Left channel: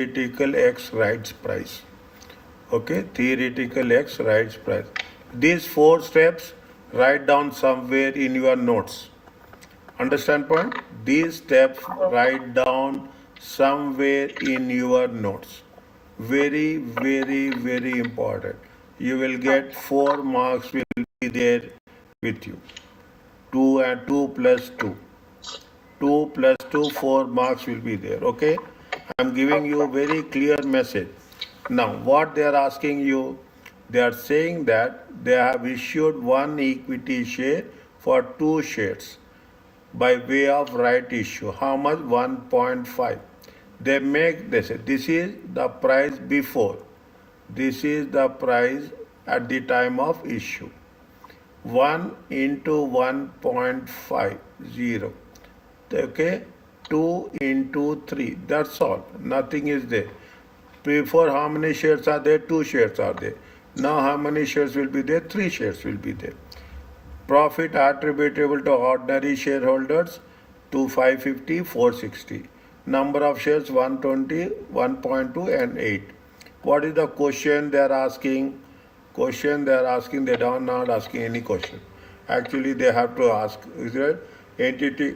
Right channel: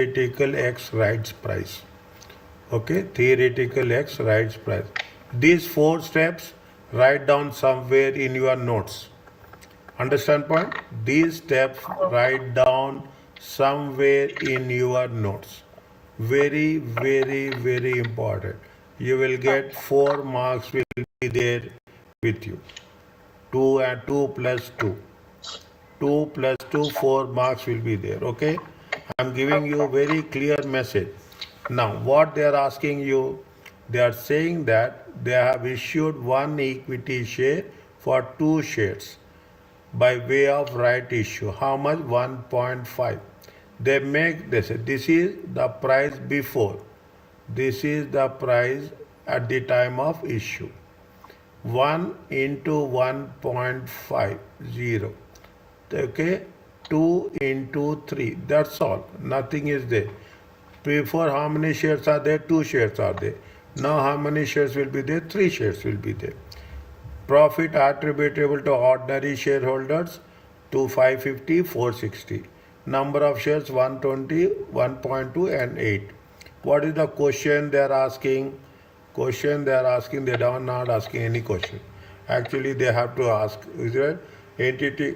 theoretical X rights price. Okay, theoretical X rights price. These 4 steps write down somewhere in your notes. Understand point? These steps write down somewhere in your notes. Very, very, very important. You will get 4 marks will be there with you. 2 and 2 plus 2. 2 plus 2, 4 marks will be there. Okay? I am giving you a very clear message. Now, what they are asking you, they are saying that they have issued 1 equity share for 2 shares by way of right issue. How much? 1.5. They make this. This is the price before. This is the price at the time of issue. 1 into 1.50. Okay, 2 into 3. That's all. Nothing is there. Before, how many shares are there? 2 shares are there. Now how many shares will be there? 3 shares will be there. Profit attributable to ordinary shareholders to 550, 460. Number of shares 120, 1.2 and 8. What is the question they are asking? Question they are asking, they are not asking any question. Actually they have to ask, is there entity?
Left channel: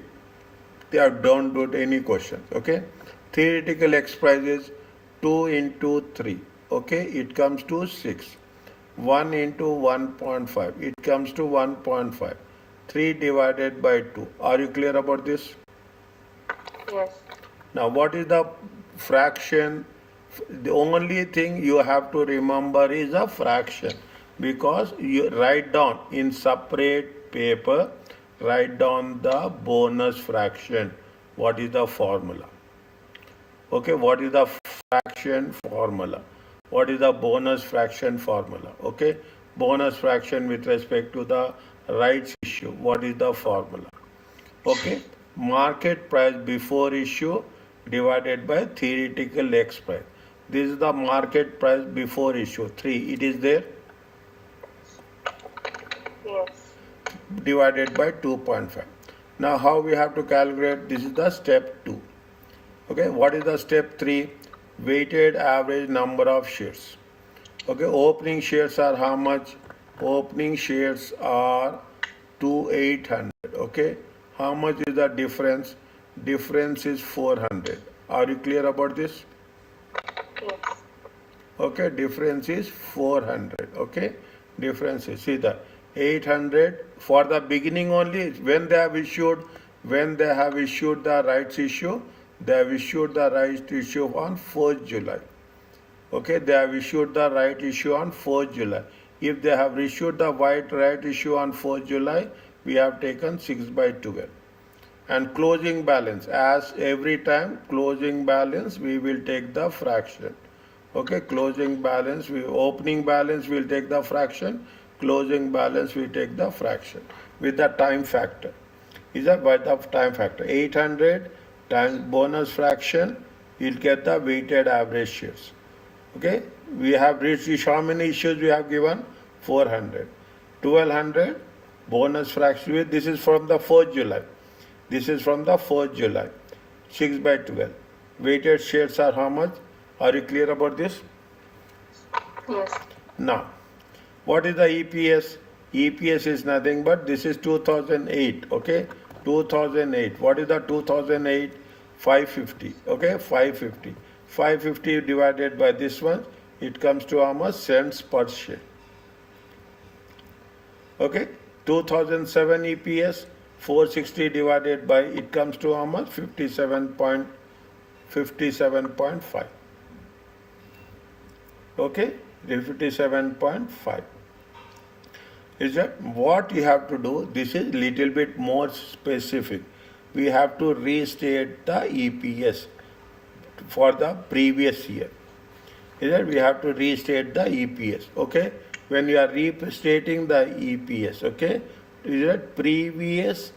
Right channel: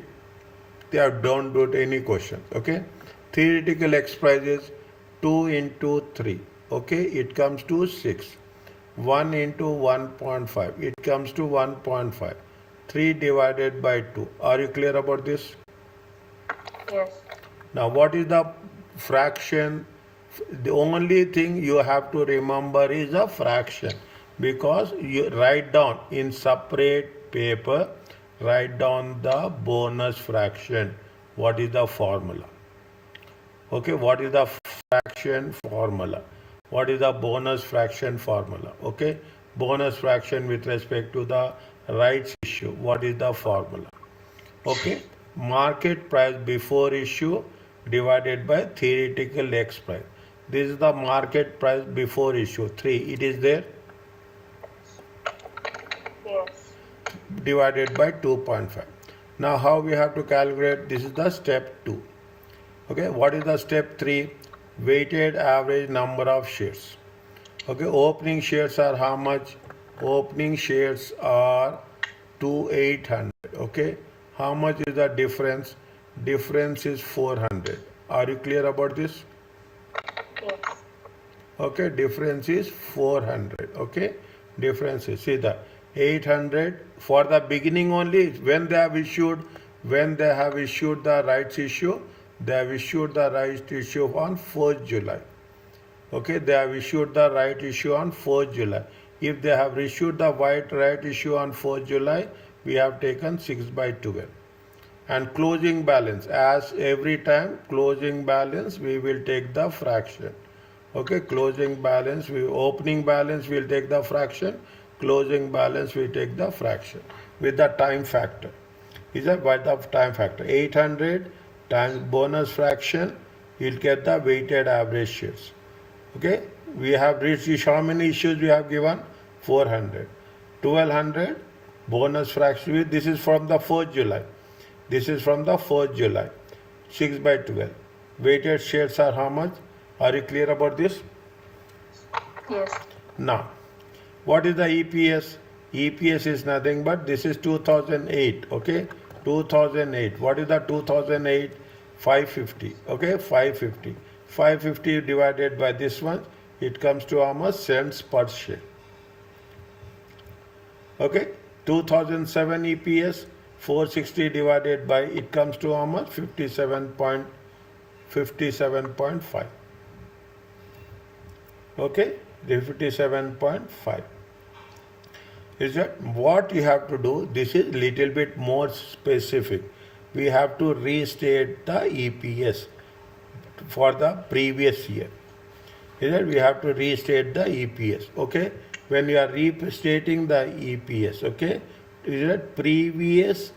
They have don't do any question. Okay. Theoretical X price is 2 into 3. Okay. It comes to 6. 1 into 1.5. It comes to 1.5. 3 divided by 2. Are you clear about this? Yes. Now what is the fraction? The only thing you have to remember is a fraction, because you write down in separate paper, write down the bonus fraction. What is the formula? Okay, what is the fraction formula? What is the bonus fraction formula? Okay, bonus fraction with respect to the rights issue. What is the formula? Okay, market price before issue divided by theoretical X price. This is the market price before issue. 3. It is there? Yes. Divided by 2.5. Now how we have to calculate? This is the step 2. Okay, what is the step 3? Weighted average number of shares. Okay, opening shares are how much? Opening shares are 2800. Okay, how much is the difference? Difference is 400. Are you clear about this? Yes. Okay, difference is 400. Okay, difference is, see the 800 for the beginning only. When they have issued the rights issue, they have issued the right issue on 4th July. Okay, they have issued the right issue on 4th July. If they have issued the right issue on 4th July, we have taken 6 by 12. And closing balance, as every time, closing balance we will take the fraction. Okay, closing balance, opening balance we will take the fraction, closing balance we take the fraction with the time factor. Is that by the time factor? 800 times bonus fraction, you'll get the weighted average shares. Okay, we have reached how many issues we have given? 400. 1200 bonus fraction. This is from the 4th July. This is from the 4th July. 6 by 12. Weighted shares are how much? Are you clear about this? Yes. Now, what is the EPS? EPS is nothing but this is 2008. Okay, 2008. What is the 2008? 550. Okay, 550. 550 divided by this one, it comes to how much? Cents per share. Okay, 2007 EPS 460 divided by, it comes to how much? 57.5. Okay, 57.5. Is that what you have to do? This is little bit more specific. We have to restate the EPS for the previous year. Is that we have to restate the EPS. Okay, when you are restating the EPS, okay, is that previous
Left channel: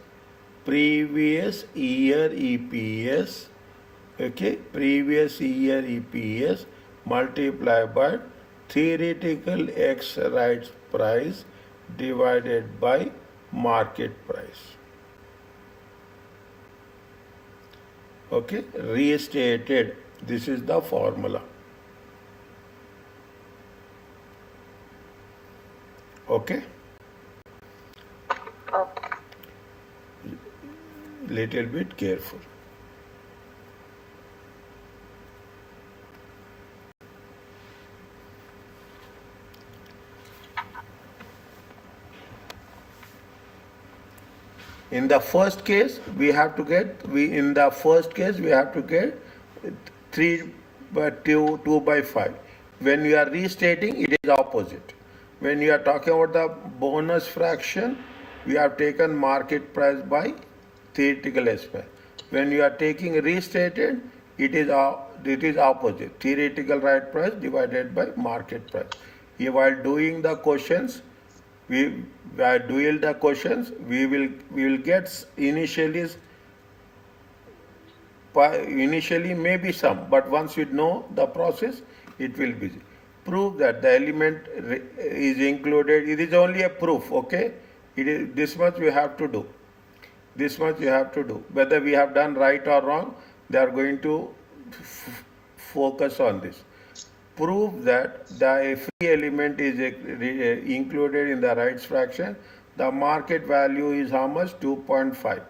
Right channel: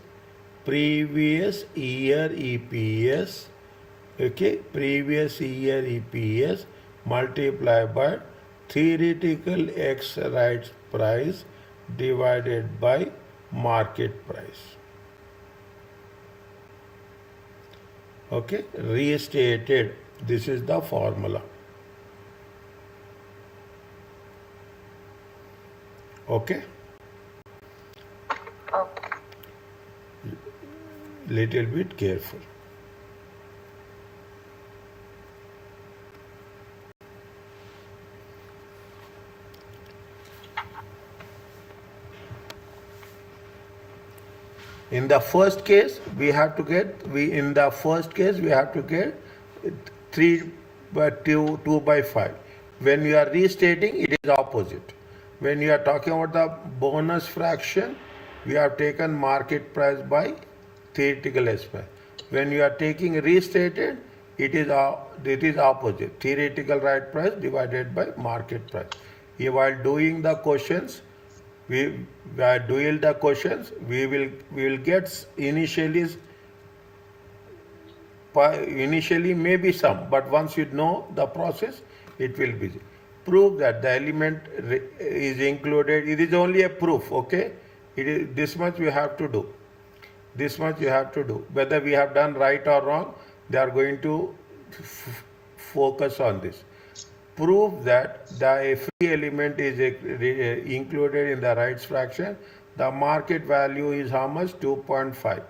year EPS, okay, previous year EPS multiplied by theoretical X rights price divided by market price. Okay, restated This is the formula. Okay? Oh, Little bit careful. In the first case, we have to get 3 by 2 by 5. When you are restating, it is opposite. When you are talking about the bonus fraction, we have taken market price by theoretical aspect. When you are taking restated, it is opposite. Theoretical right price divided by market price. While doing the questions, we will get initially maybe some, but once you know the process, it will be. Prove that the element is included. It is only a proof, okay? It is this much we have to do. This much you have to do. Whether we have done right or wrong, they are going to focus on this. Prove that the free element is included in the rights fraction. The market value is how much? 2.5.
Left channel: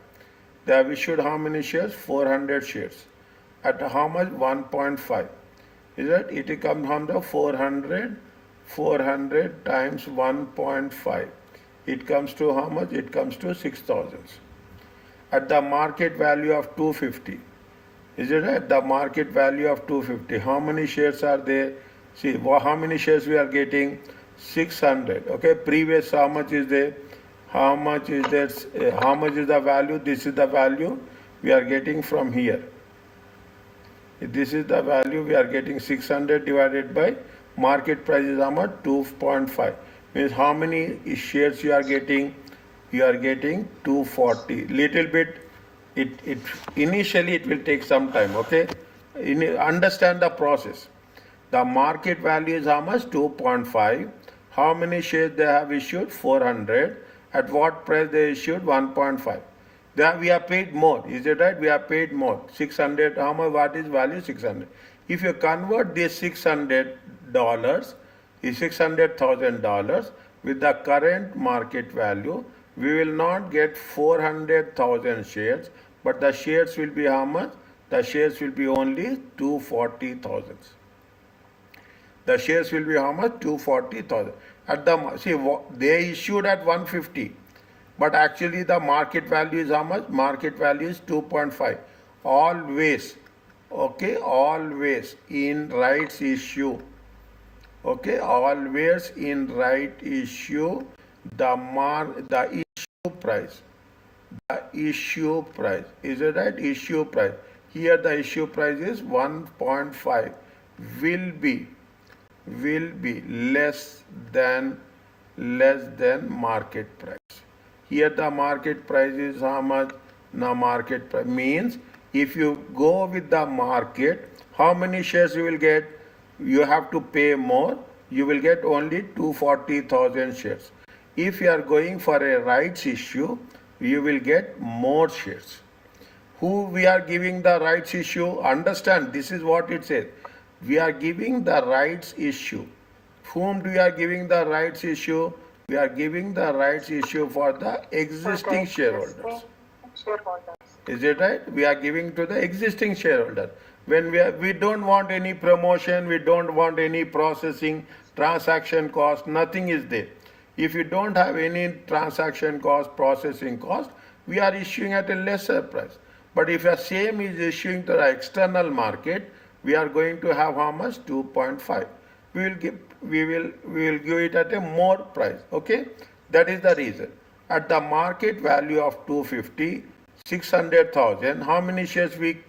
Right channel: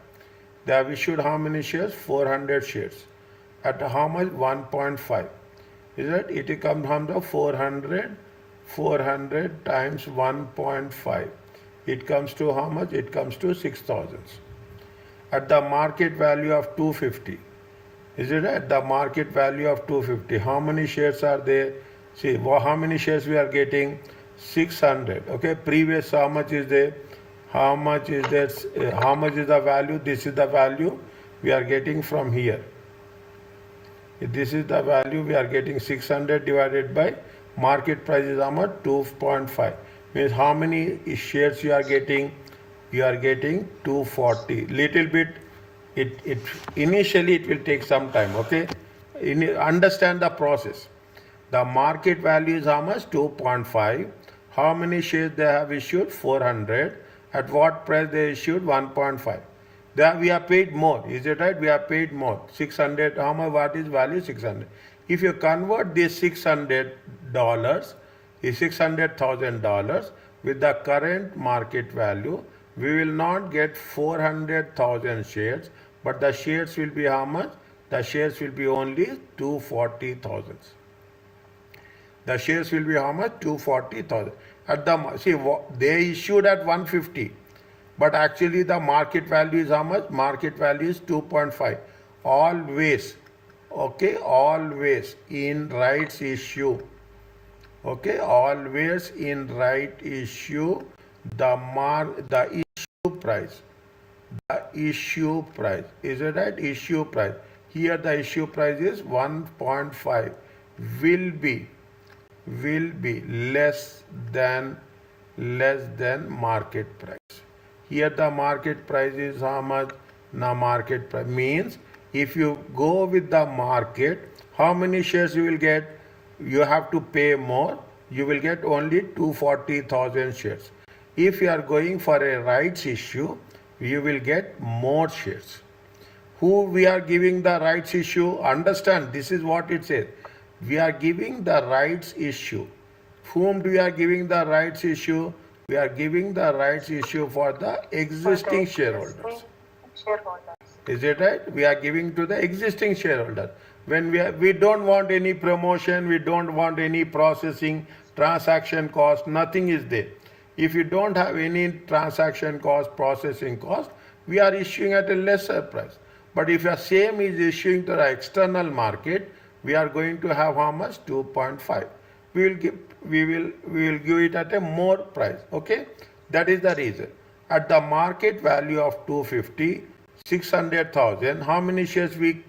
They have issued how many shares? 400 shares. At how much? 1.5. Is that? It comes from the 400 times 1.5. It comes to how much? It comes to 6,000. At the market value of 250. Is it at the market value of 250? How many shares are there? See, how many shares we are getting? 600. Okay, previous how much is there? How much is there? How much is the value? This is the value we are getting from here. This is the value we are getting. 600 divided by market price is how much? 2.5. Means how many shares you are getting? You are getting 240. Little bit. It initially it will take some time. Okay, understand the process. The market value is how much? 2.5. How many shares they have issued? 400. At what price they issued? 1.5. We are paid more. Is it right? We are paid more. 600. How much? What is value? 600. If you convert this $600, is $600,000 with the current market value, we will not get 400,000 shares, but the shares will be how much? The shares will be only 240,000. The shares will be how much? 240,000. They issued at 150, but actually the market value is how much? Market value is 2.5. Always, okay, always in rights issue, okay, always in right issue, the issue price. The issue price. Is it right? Issue price. Here the issue price is 1.5. Will be less than market price. Here the market price is how much? The market price means if you go with the market, how many shares you will get? You have to pay more. You will get only 240,000 shares. If you are going for a rights issue, you will get more shares. Who we are giving the rights issue? Understand, this is what it says. We are giving the rights issue. Whom we are giving the rights issue? We are giving the rights issue for the existing shareholders. Is it right? We are giving to the existing shareholder. When we don't want any promotion, we don't want any processing, transaction cost, nothing is there. If you don't have any transaction cost, processing cost, we are issuing at a lesser price. But if the same is issuing to the external market, we are going to have how much? 2.5. We will give it at a more price. Okay, that is the reason. At the market value of 250, 600,000. How many shares we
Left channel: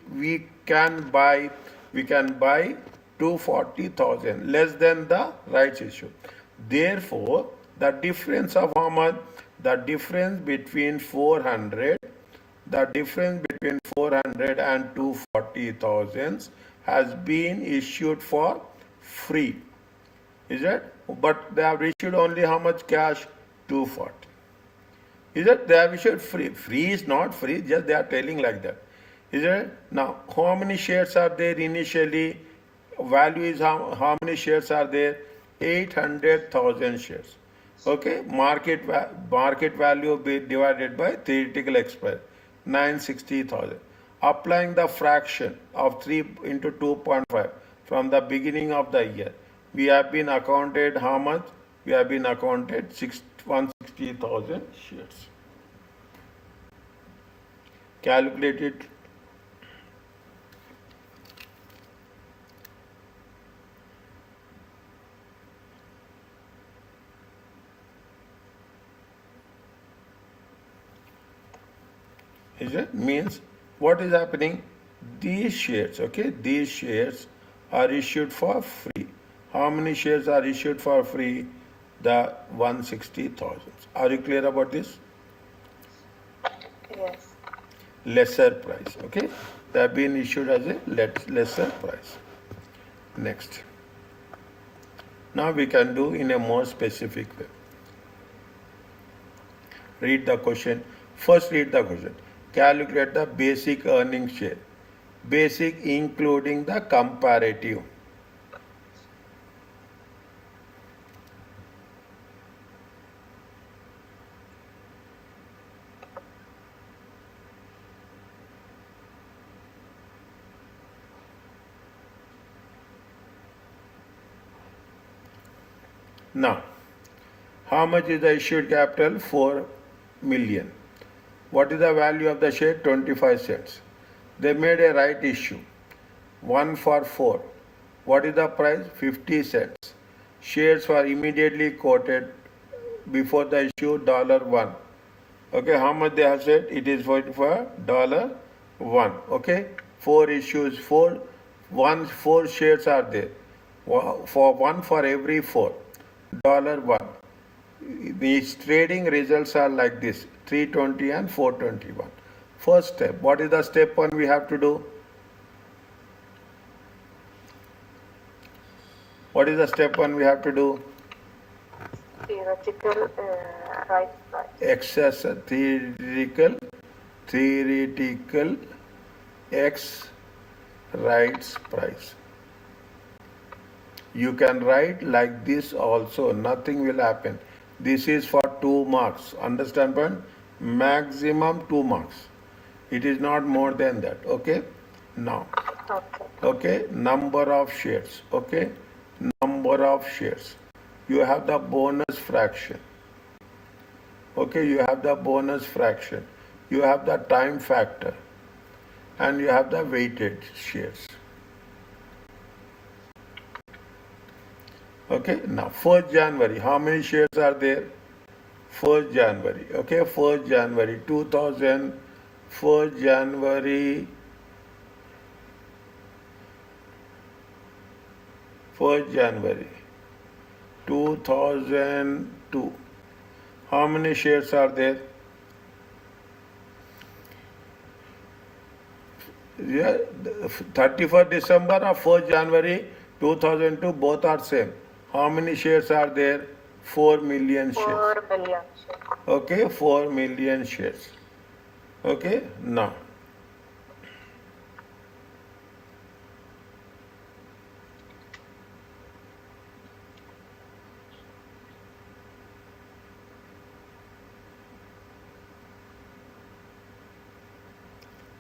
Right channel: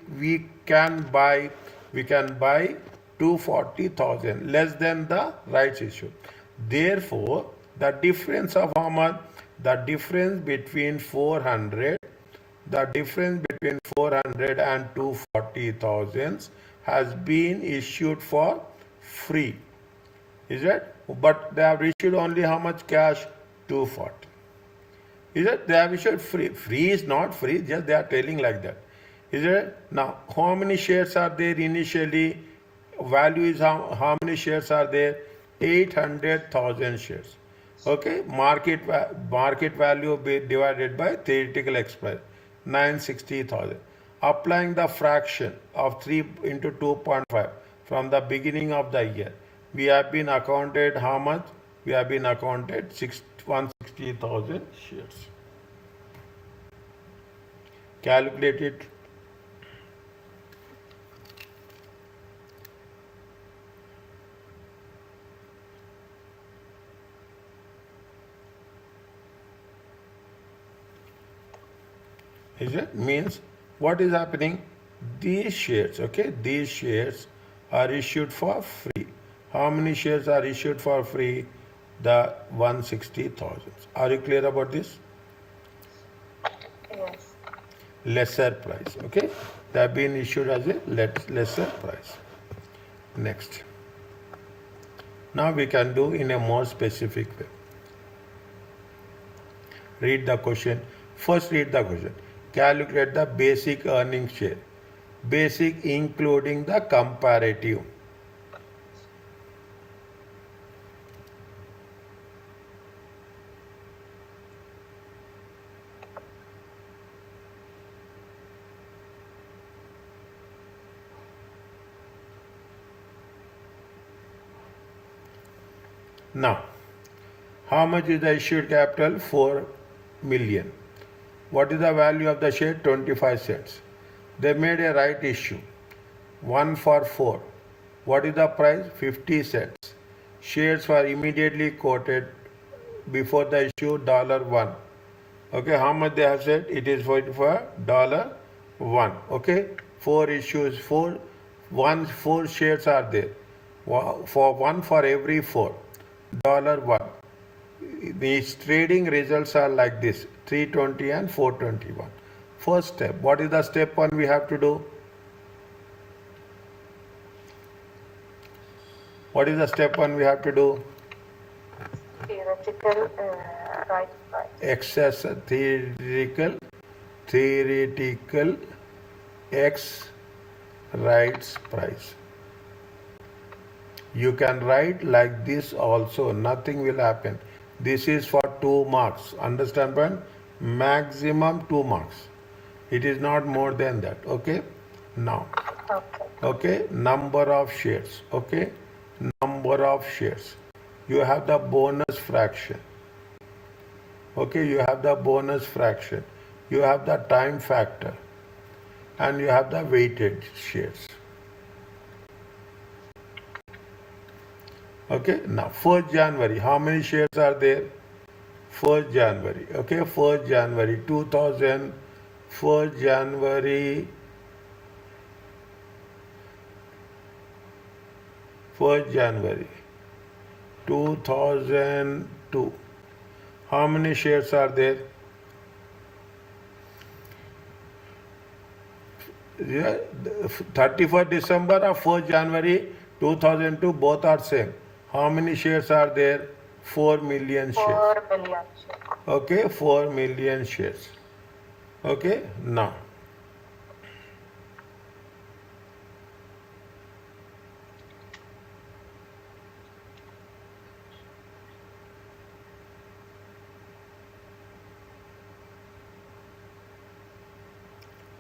can buy? We can buy 240,000, less than the rights issue. Therefore, the difference of how much? The difference between 400 and 240,000 has been issued for free. Is it? But they have issued only how much cash? 240. Is it? They have issued free. Free is not free, just they are telling like that. Is it? Now, how many shares are there initially? Value is how many shares are there? 800,000 shares. Okay, market value be divided by theoretical expiry, 960,000. Applying the fraction of 3 into 2.5 from the beginning of the year, we have been accounted how much? We have been accounted 160,000 shares. Calculate it. Is it? Means what is happening? These shares, okay, these shares are issued for free. How many shares are issued for free? The 160,000. Are you clear about this? Yes. Lesser price, okay? They have been issued as a lesser price. Next. Now we can do in a more specific way. Read the question. First read the question. Calculate the basic earnings share. Basic including the comparative. Now, how much is the issued capital? 4 million. What is the value of the share? 25 cents. They made a right issue. 1 for 4. What is the price? 50 cents. Shares were immediately quoted before the issue $1. Okay, how much they have said? It is for $1. Okay, 4 issues, 4 shares are there. For 1 for every 4. $1. These trading results are like this, 320 and 421. First step, what is the step 1 we have to do? What is the step 1 we have to do? Theoretical right price. Excess theoretical X rights price. You can write like this also, nothing will happen. This is for 2 marks. Understand, but maximum 2 marks. It is not more than that. Okay. Now, okay, number of shares. Okay, number of shares. You have the bonus fraction. Okay, you have the bonus fraction. You have the time factor. And you have the weighted shares. Okay, now 1st January, how many shares are there? 1st January, okay, 1st January 2000, 1st January, 1st January 2002. How many shares are there? Yeah, 31st December or 1st January 2002, both are same. How many shares are there? 4 million shares. 4 million shares. Okay, 4 million shares. Okay, now.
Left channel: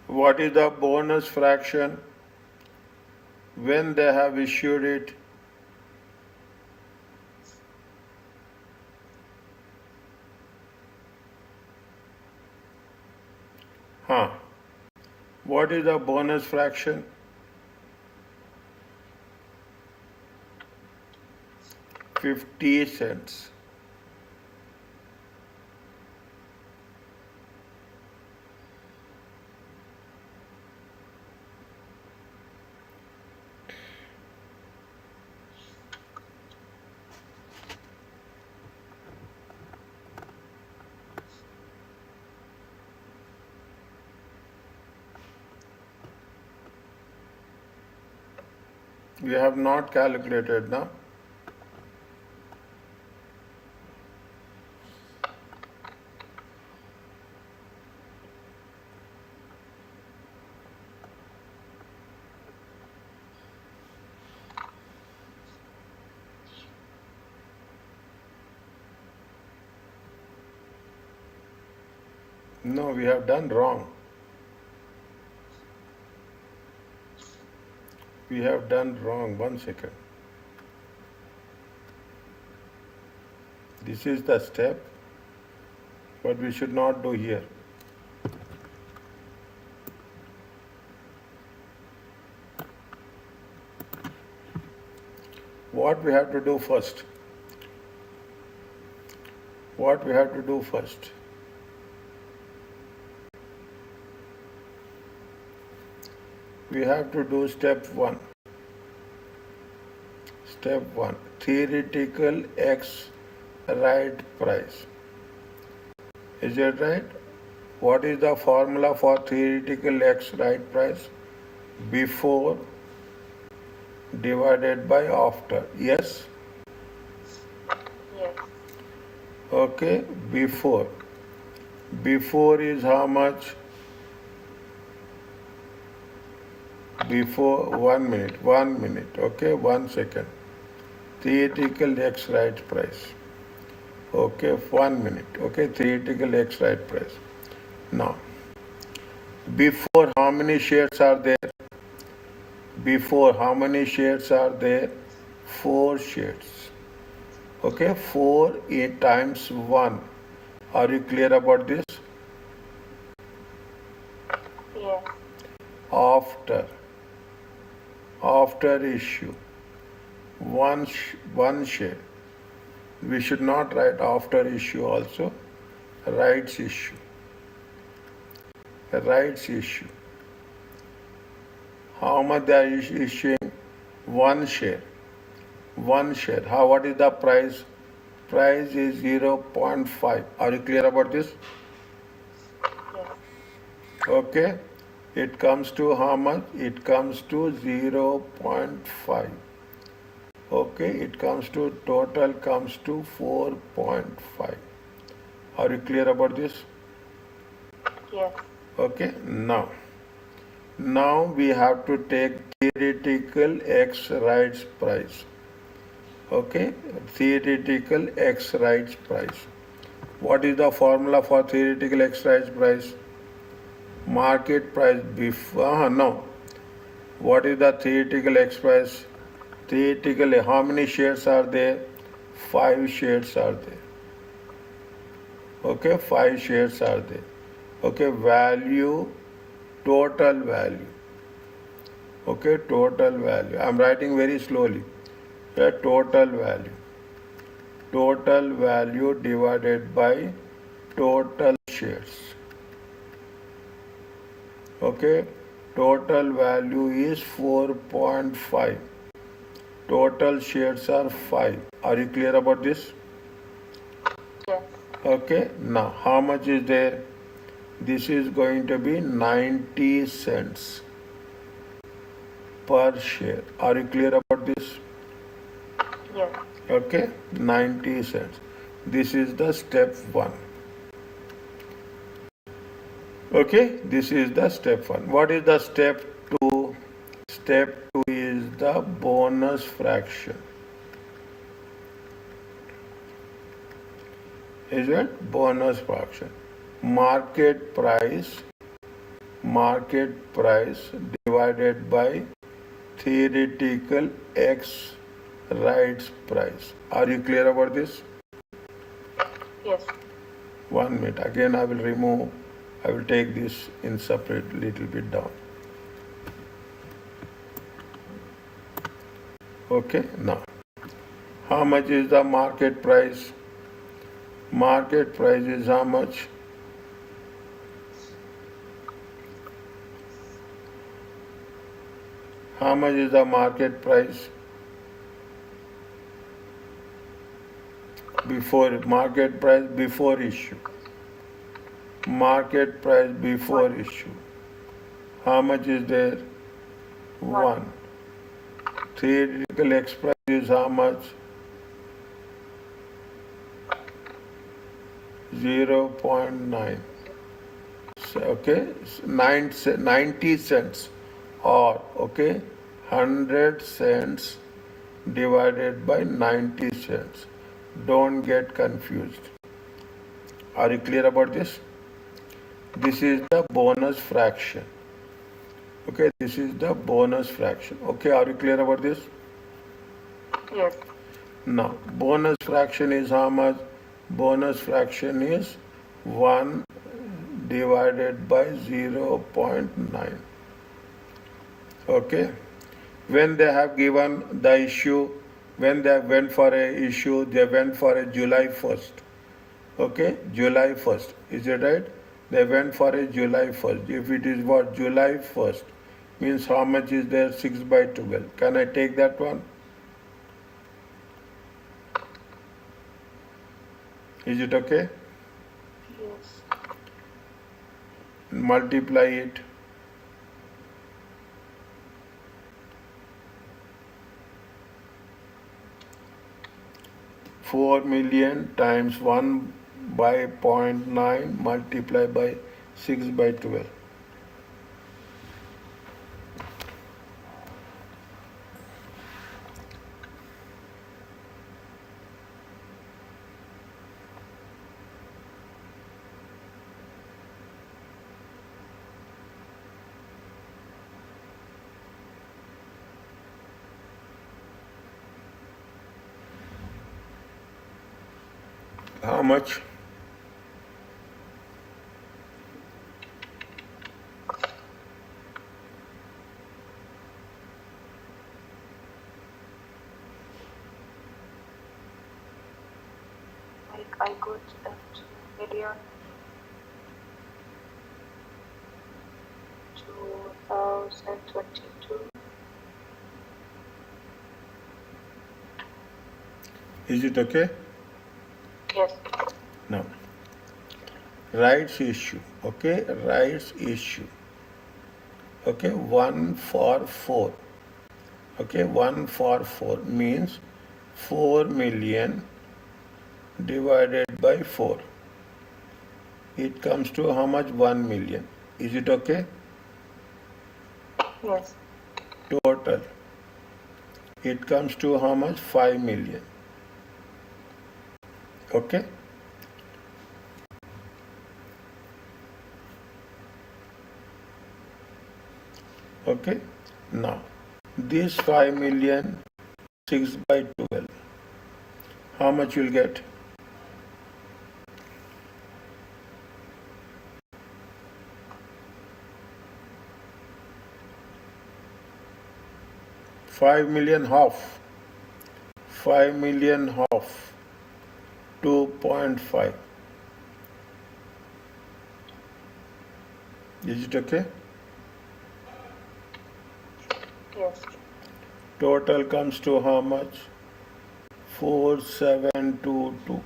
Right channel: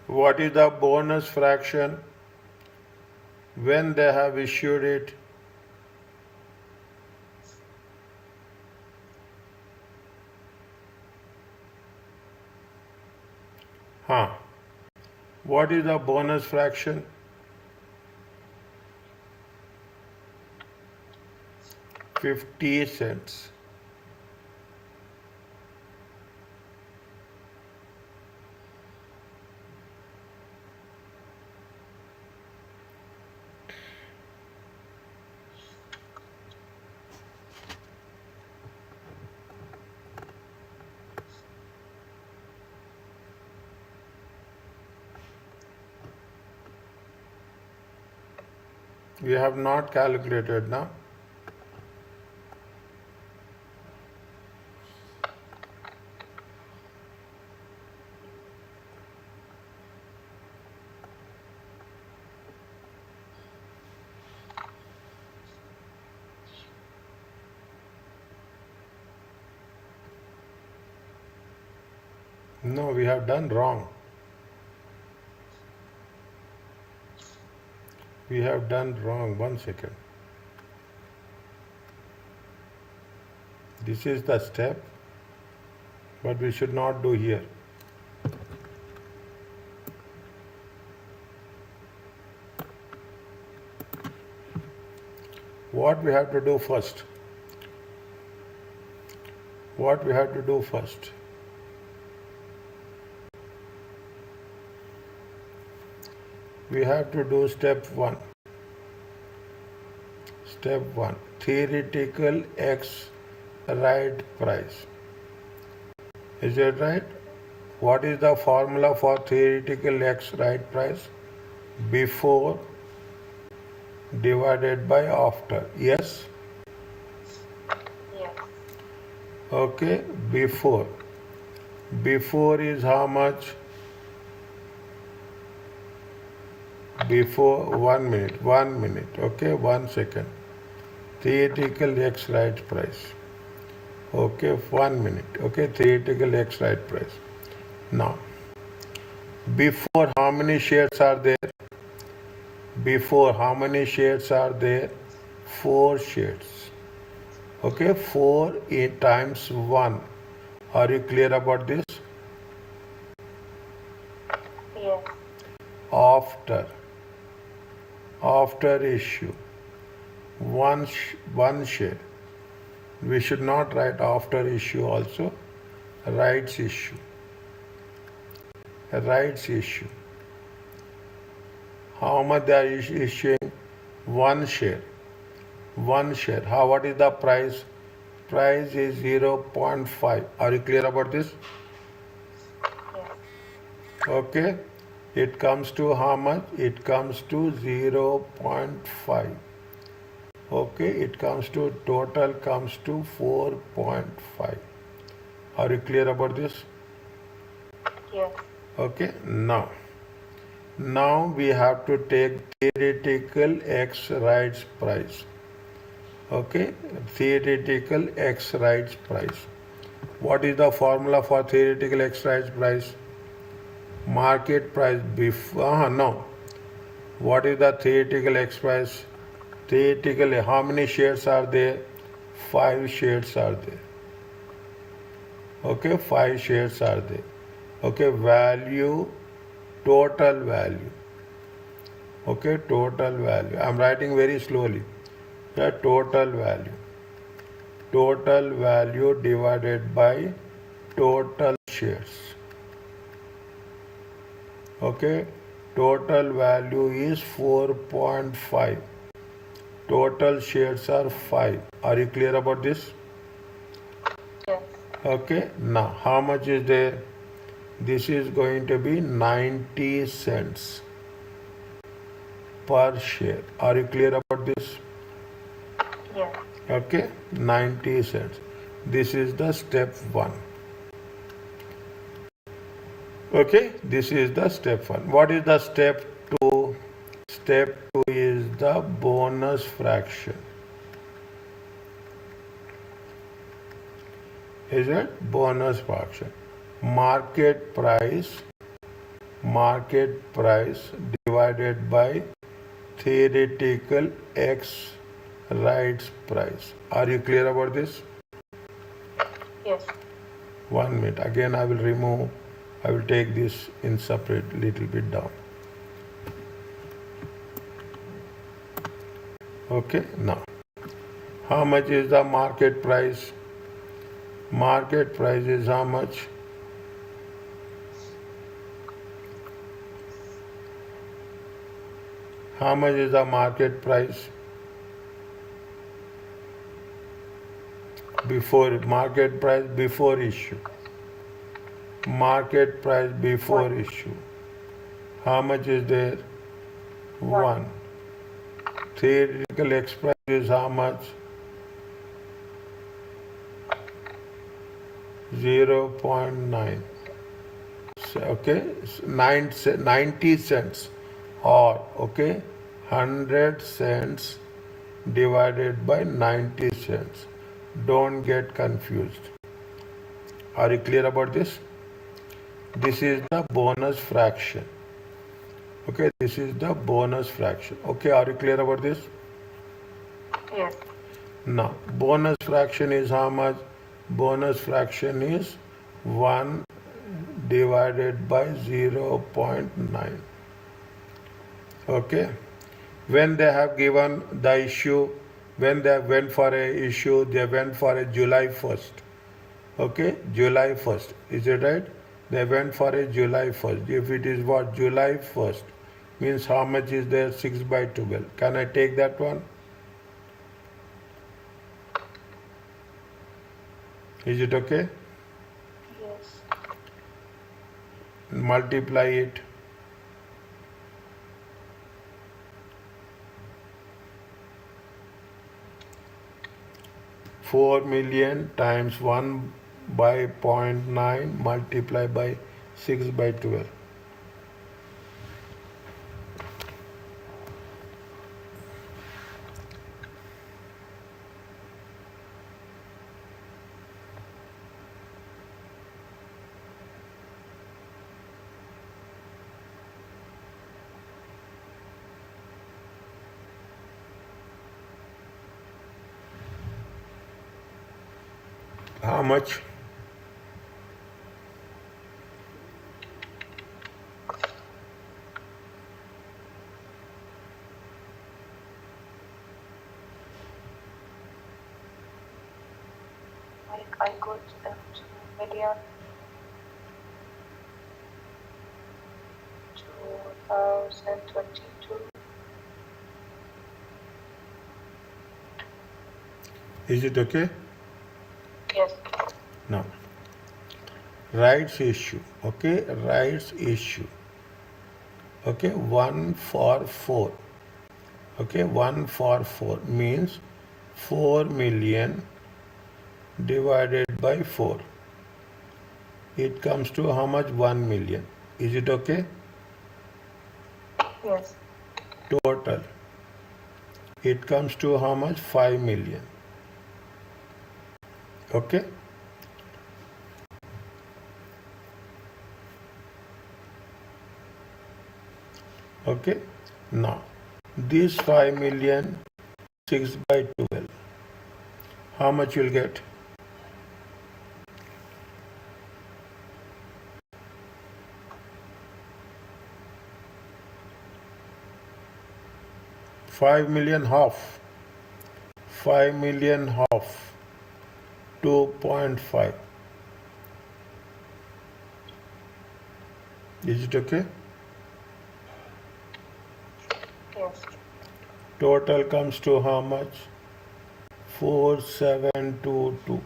What is the bonus fraction when they have issued it? What is the bonus fraction? 50 cents. We have not calculated now. No, we have done wrong. We have done wrong. 1 second. This is the step, but we should not do here. What we have to do first? What we have to do first? We have to do step 1. Step 1. Theoretical X right price. Is it right? What is the formula for theoretical X right price? Before divided by after. Yes? Yes. Okay. Before. Before is how much? Before 1 minute. 1 minute. Okay. 1 second. Theoretical X right price. Okay. 1 minute. Okay. Theoretical X right price. Now, before how many shares are there? Before how many shares are there? 4 shares. Okay. 4 times 1. Are you clear about this? Yes. After issue, one share. We should not write after issue also. Rights issue. Rights issue. How much they are issuing? 1 share. 1 share. What is the price? Price is 0.5. Are you clear about this? Yes. Okay. It comes to how much? It comes to 0.5. Okay. It comes to, total comes to 4.5. Are you clear about this? Yes. Okay. Now we have to take theoretical X rights price. Okay. Theoretical X rights price. What is the formula for theoretical X rights price? Market price before, no. What is the theoretical X price? Theoretically, how many shares are there? 5 shares are there. Okay, 5 shares are there. Okay, value, total value. Okay, total value. I'm writing very slowly. Okay, total value. Total value divided by total shares. Okay, total value is 4.5. Total shares are 5. Are you clear about this? Yes. Okay, now how much is there? This is going to be 90 cents per share. Are you clear about this? Yes. Okay, 90 cents. This is the step 1. Okay, this is the step 1. What is the step 2? Step 2 is the bonus fraction. Is it? Bonus fraction. Market price divided by theoretical X rights price. Are you clear about this? Yes. 1 minute. Again, I will take this in separate little bit down. Okay, now, how much is the market price? Market price is how much? How much is the market price? Market price before issue. Market price before issue. How much is there? 1. Theoretical X price is how much? 0.9. Okay, 90 cents, or okay, 100 cents divided by 90 cents. Don't get confused. Are you clear about this? This is the bonus fraction. Okay, this is the bonus fraction. Okay, are you clear about this? Yes. Now, bonus fraction is how much? Bonus fraction is 1 divided by 0.9. Okay. When they have given the issue, when they went for a issue, they went for a July 1st. Okay, July 1st. Is it right? They went for a July 1st. If it is what? July 1st means how much is there? 6 by 12. Can I take that one? Is it okay? Yes. Multiply it. Four million times 1 by 0.9 multiply by 6 by 12. How much? I got 2 million 2022. Is it okay? Yes. Now, rights issue. Okay, rights issue. Okay, 1 for 4. Okay, 1 for 4 means 4 million divided by 4. It comes to how much? 1 million. Is it okay? Yes. Total. It comes to how much? 5 million. Okay? Okay? Now, this 5 million, 6 by 12. How much you'll get? Half. 5 million half. 2.5. Is it okay? Yes. Total comes to how much? 4722.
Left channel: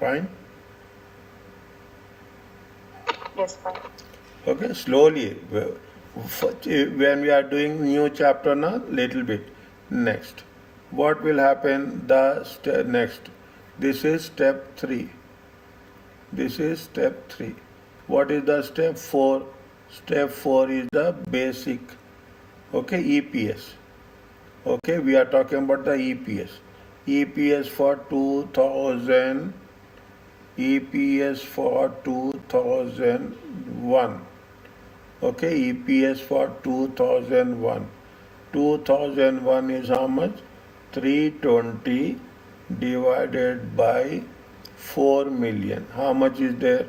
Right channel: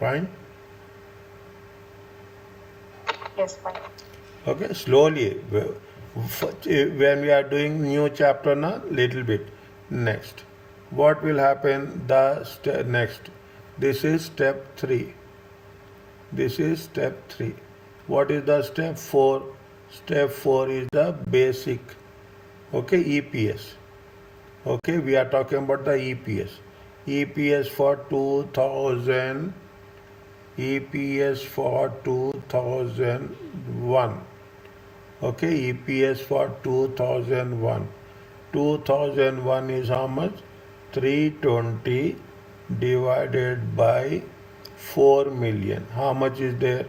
Fine? Yes, fine. Okay, slowly. When we are doing new chapter now, little bit. Next. What will happen? Next. This is step 3. This is step 3. What is the step 4? Step 4 is the basic. Okay, EPS. Okay, we are talking about the EPS. EPS for 2000. EPS for 2001. Okay, EPS for 2001. 2001 is how much? 320 divided by 4 million. How much is there?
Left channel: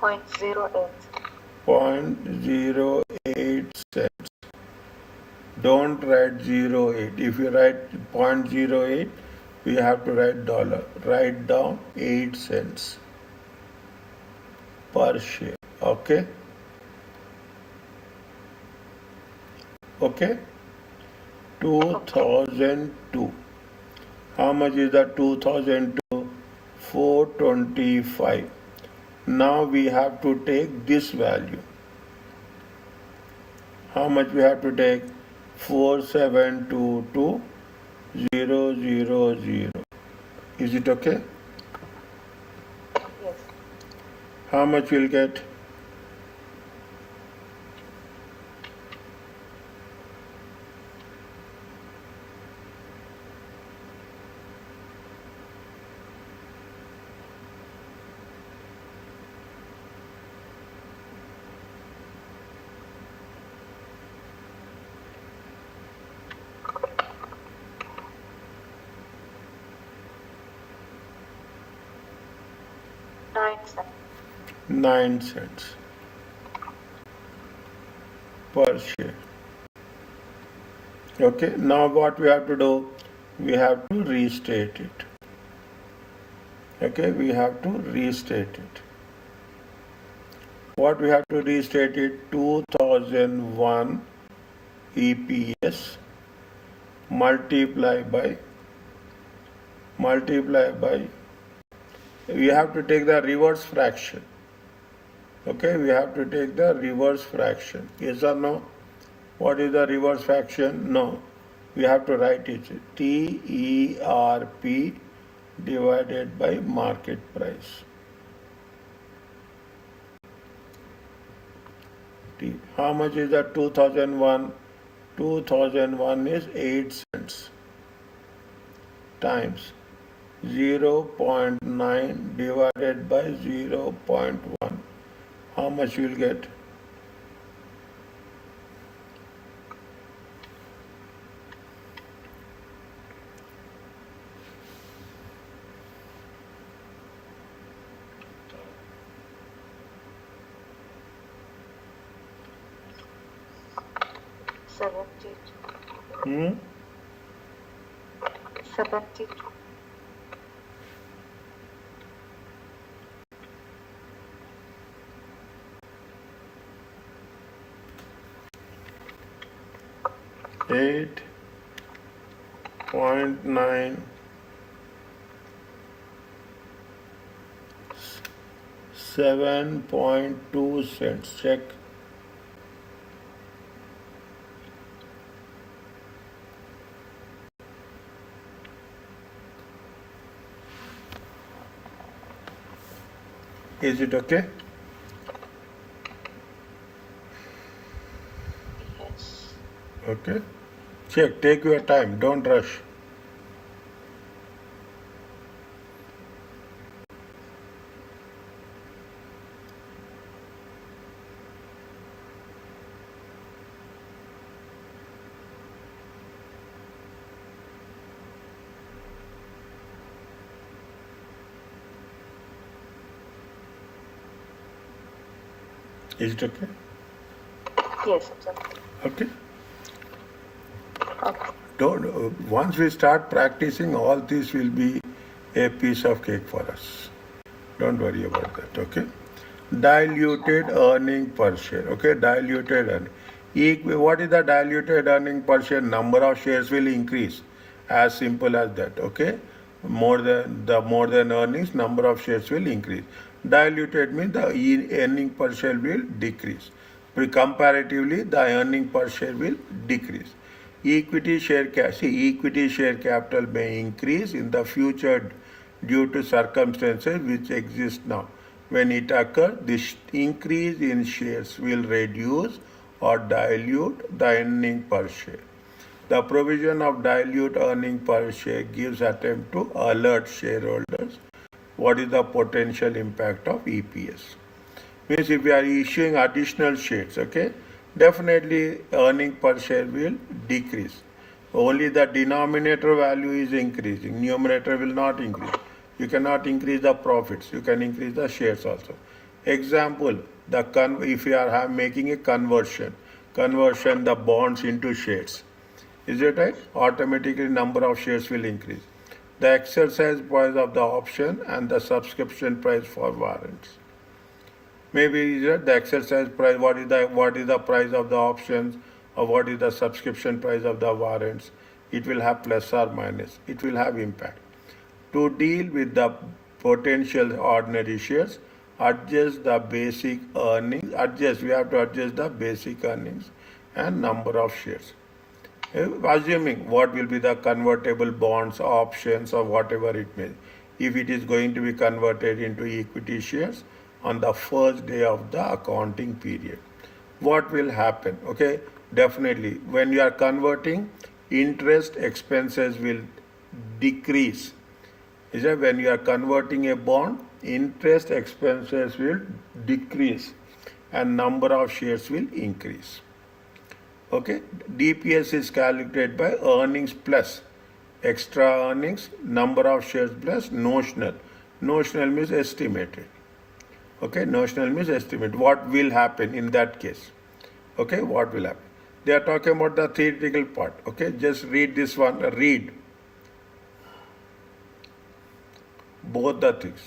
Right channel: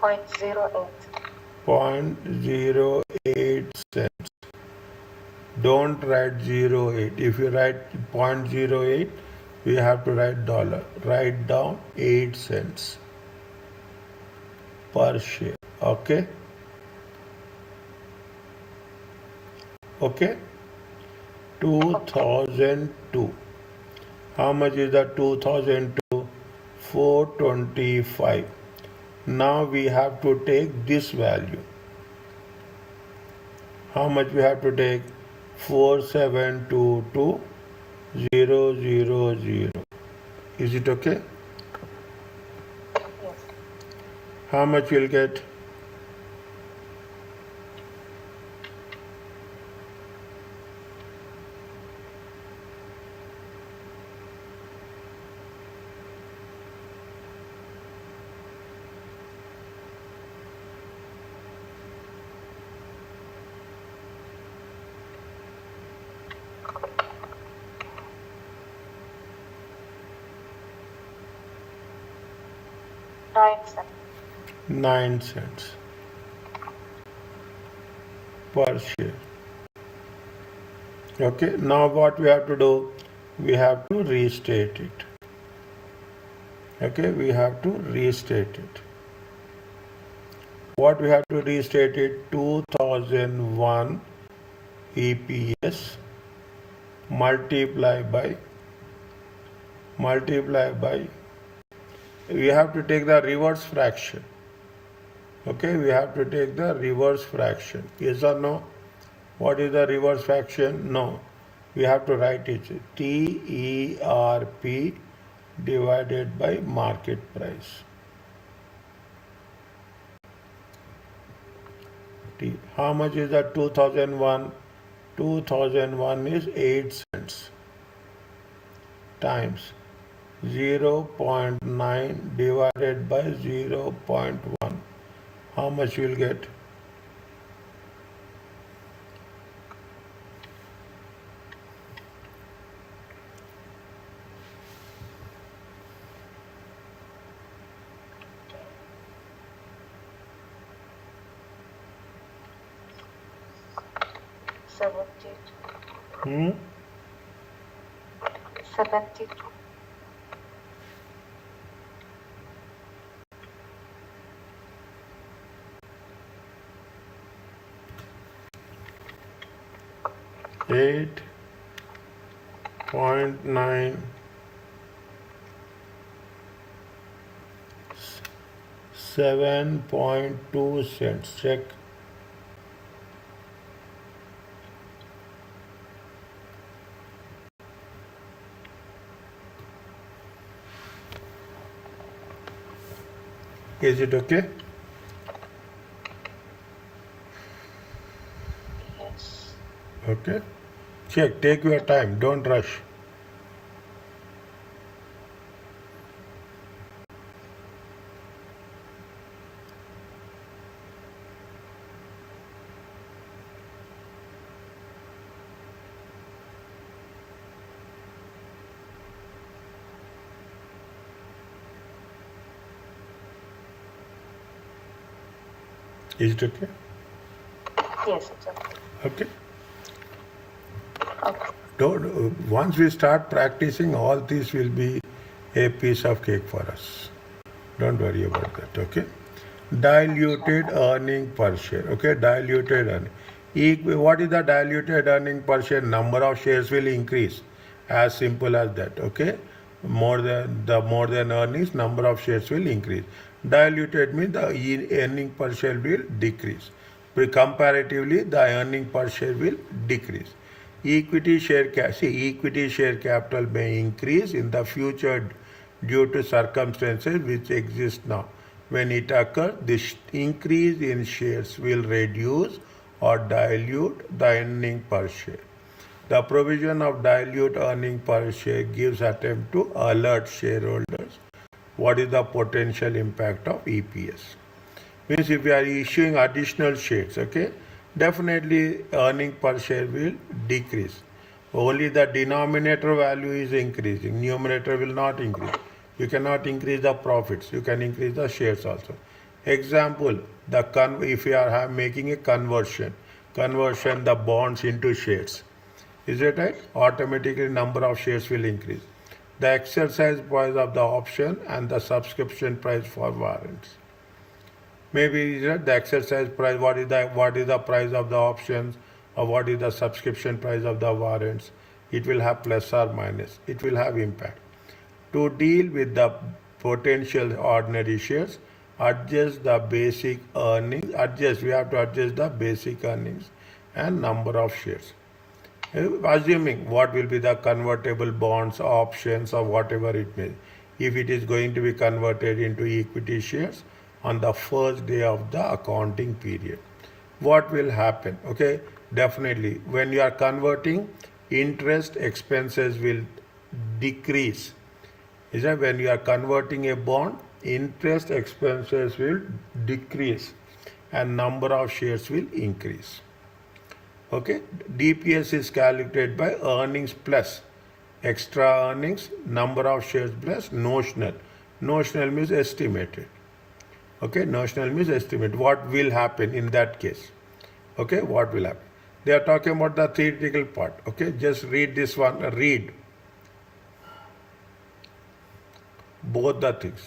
Point 08. 0.08 cents. Don't write 08. If you write 0.08, you have to write dollar. Write down 8 cents per share. Okay? Okay? 2002. How much is the 2000 to 425? Now we have to take this value. How much we have to take? 4722,000. Is it okay? Yes. How much you'll get? Nine cents. 9 cents per share. Okay, now what we have to do? We have to restate it. Okay, we have to restate it. What we have to restate it? 2001 EPS multiply by we have to take the reverse fraction. Okay, we have to take the reverse fraction. Yes or no? What is the reverse fraction? No. We have to write it TERP divided by market price. How much is the 2001? 2001 is 8 cents times 0.9 divided by 0.1. How much you will get? Seventy. 72. Eight 0.9 7.2 cents. Check. Is it okay? Yes. Okay. Check. Take your time. Don't rush. Is it okay? Yes, it's okay. Okay. Okay. Once we start practicing, all this will be a piece of cake for us. Don't worry about that. Okay. Diluted earning per share. Okay. Diluted earning. What is the diluted earning per share? Number of shares will increase. As simple as that. Okay. More than earnings, number of shares will increase. Diluted means the earning per share will decrease. Comparatively, the earning per share will decrease. Equity share capital may increase in the future due to circumstances which exist now. When it occurs, this increase in shares will reduce or dilute the earning per share. The provision of dilute earning per share gives attempt to alert shareholders what is the potential impact of EPS. Means if we are issuing additional shares, okay, definitely earning per share will decrease. Only the denominator value is increasing. Numerator will not increase. You cannot increase the profits. You can increase the shares also. Example, if you are making a conversion the bonds into shares. Is it right? Automatically number of shares will increase. The exercise price of the option and the subscription price for warrants. Maybe the exercise price, what is the price of the options, or what is the subscription price of the warrants. It will have plus or minus. It will have impact. To deal with the potential ordinary shares, adjust the basic earnings. We have to adjust the basic earnings and number of shares. Assuming what will be the convertible bonds, options, or whatever it may. If it is going to be converted into equity shares on the first day of the accounting period, what will happen? Okay, definitely when you are converting, interest expenses will decrease. Is that when you are converting a bond, interest expenses will decrease and number of shares will increase. Okay, DPS is calculated by earnings plus extra earnings, number of shares plus notional. Notional means estimated. Okay, notional means estimate. What will happen in that case? Okay, what will happen? They are talking about the theoretical part. Okay, just read this one. Read both the things.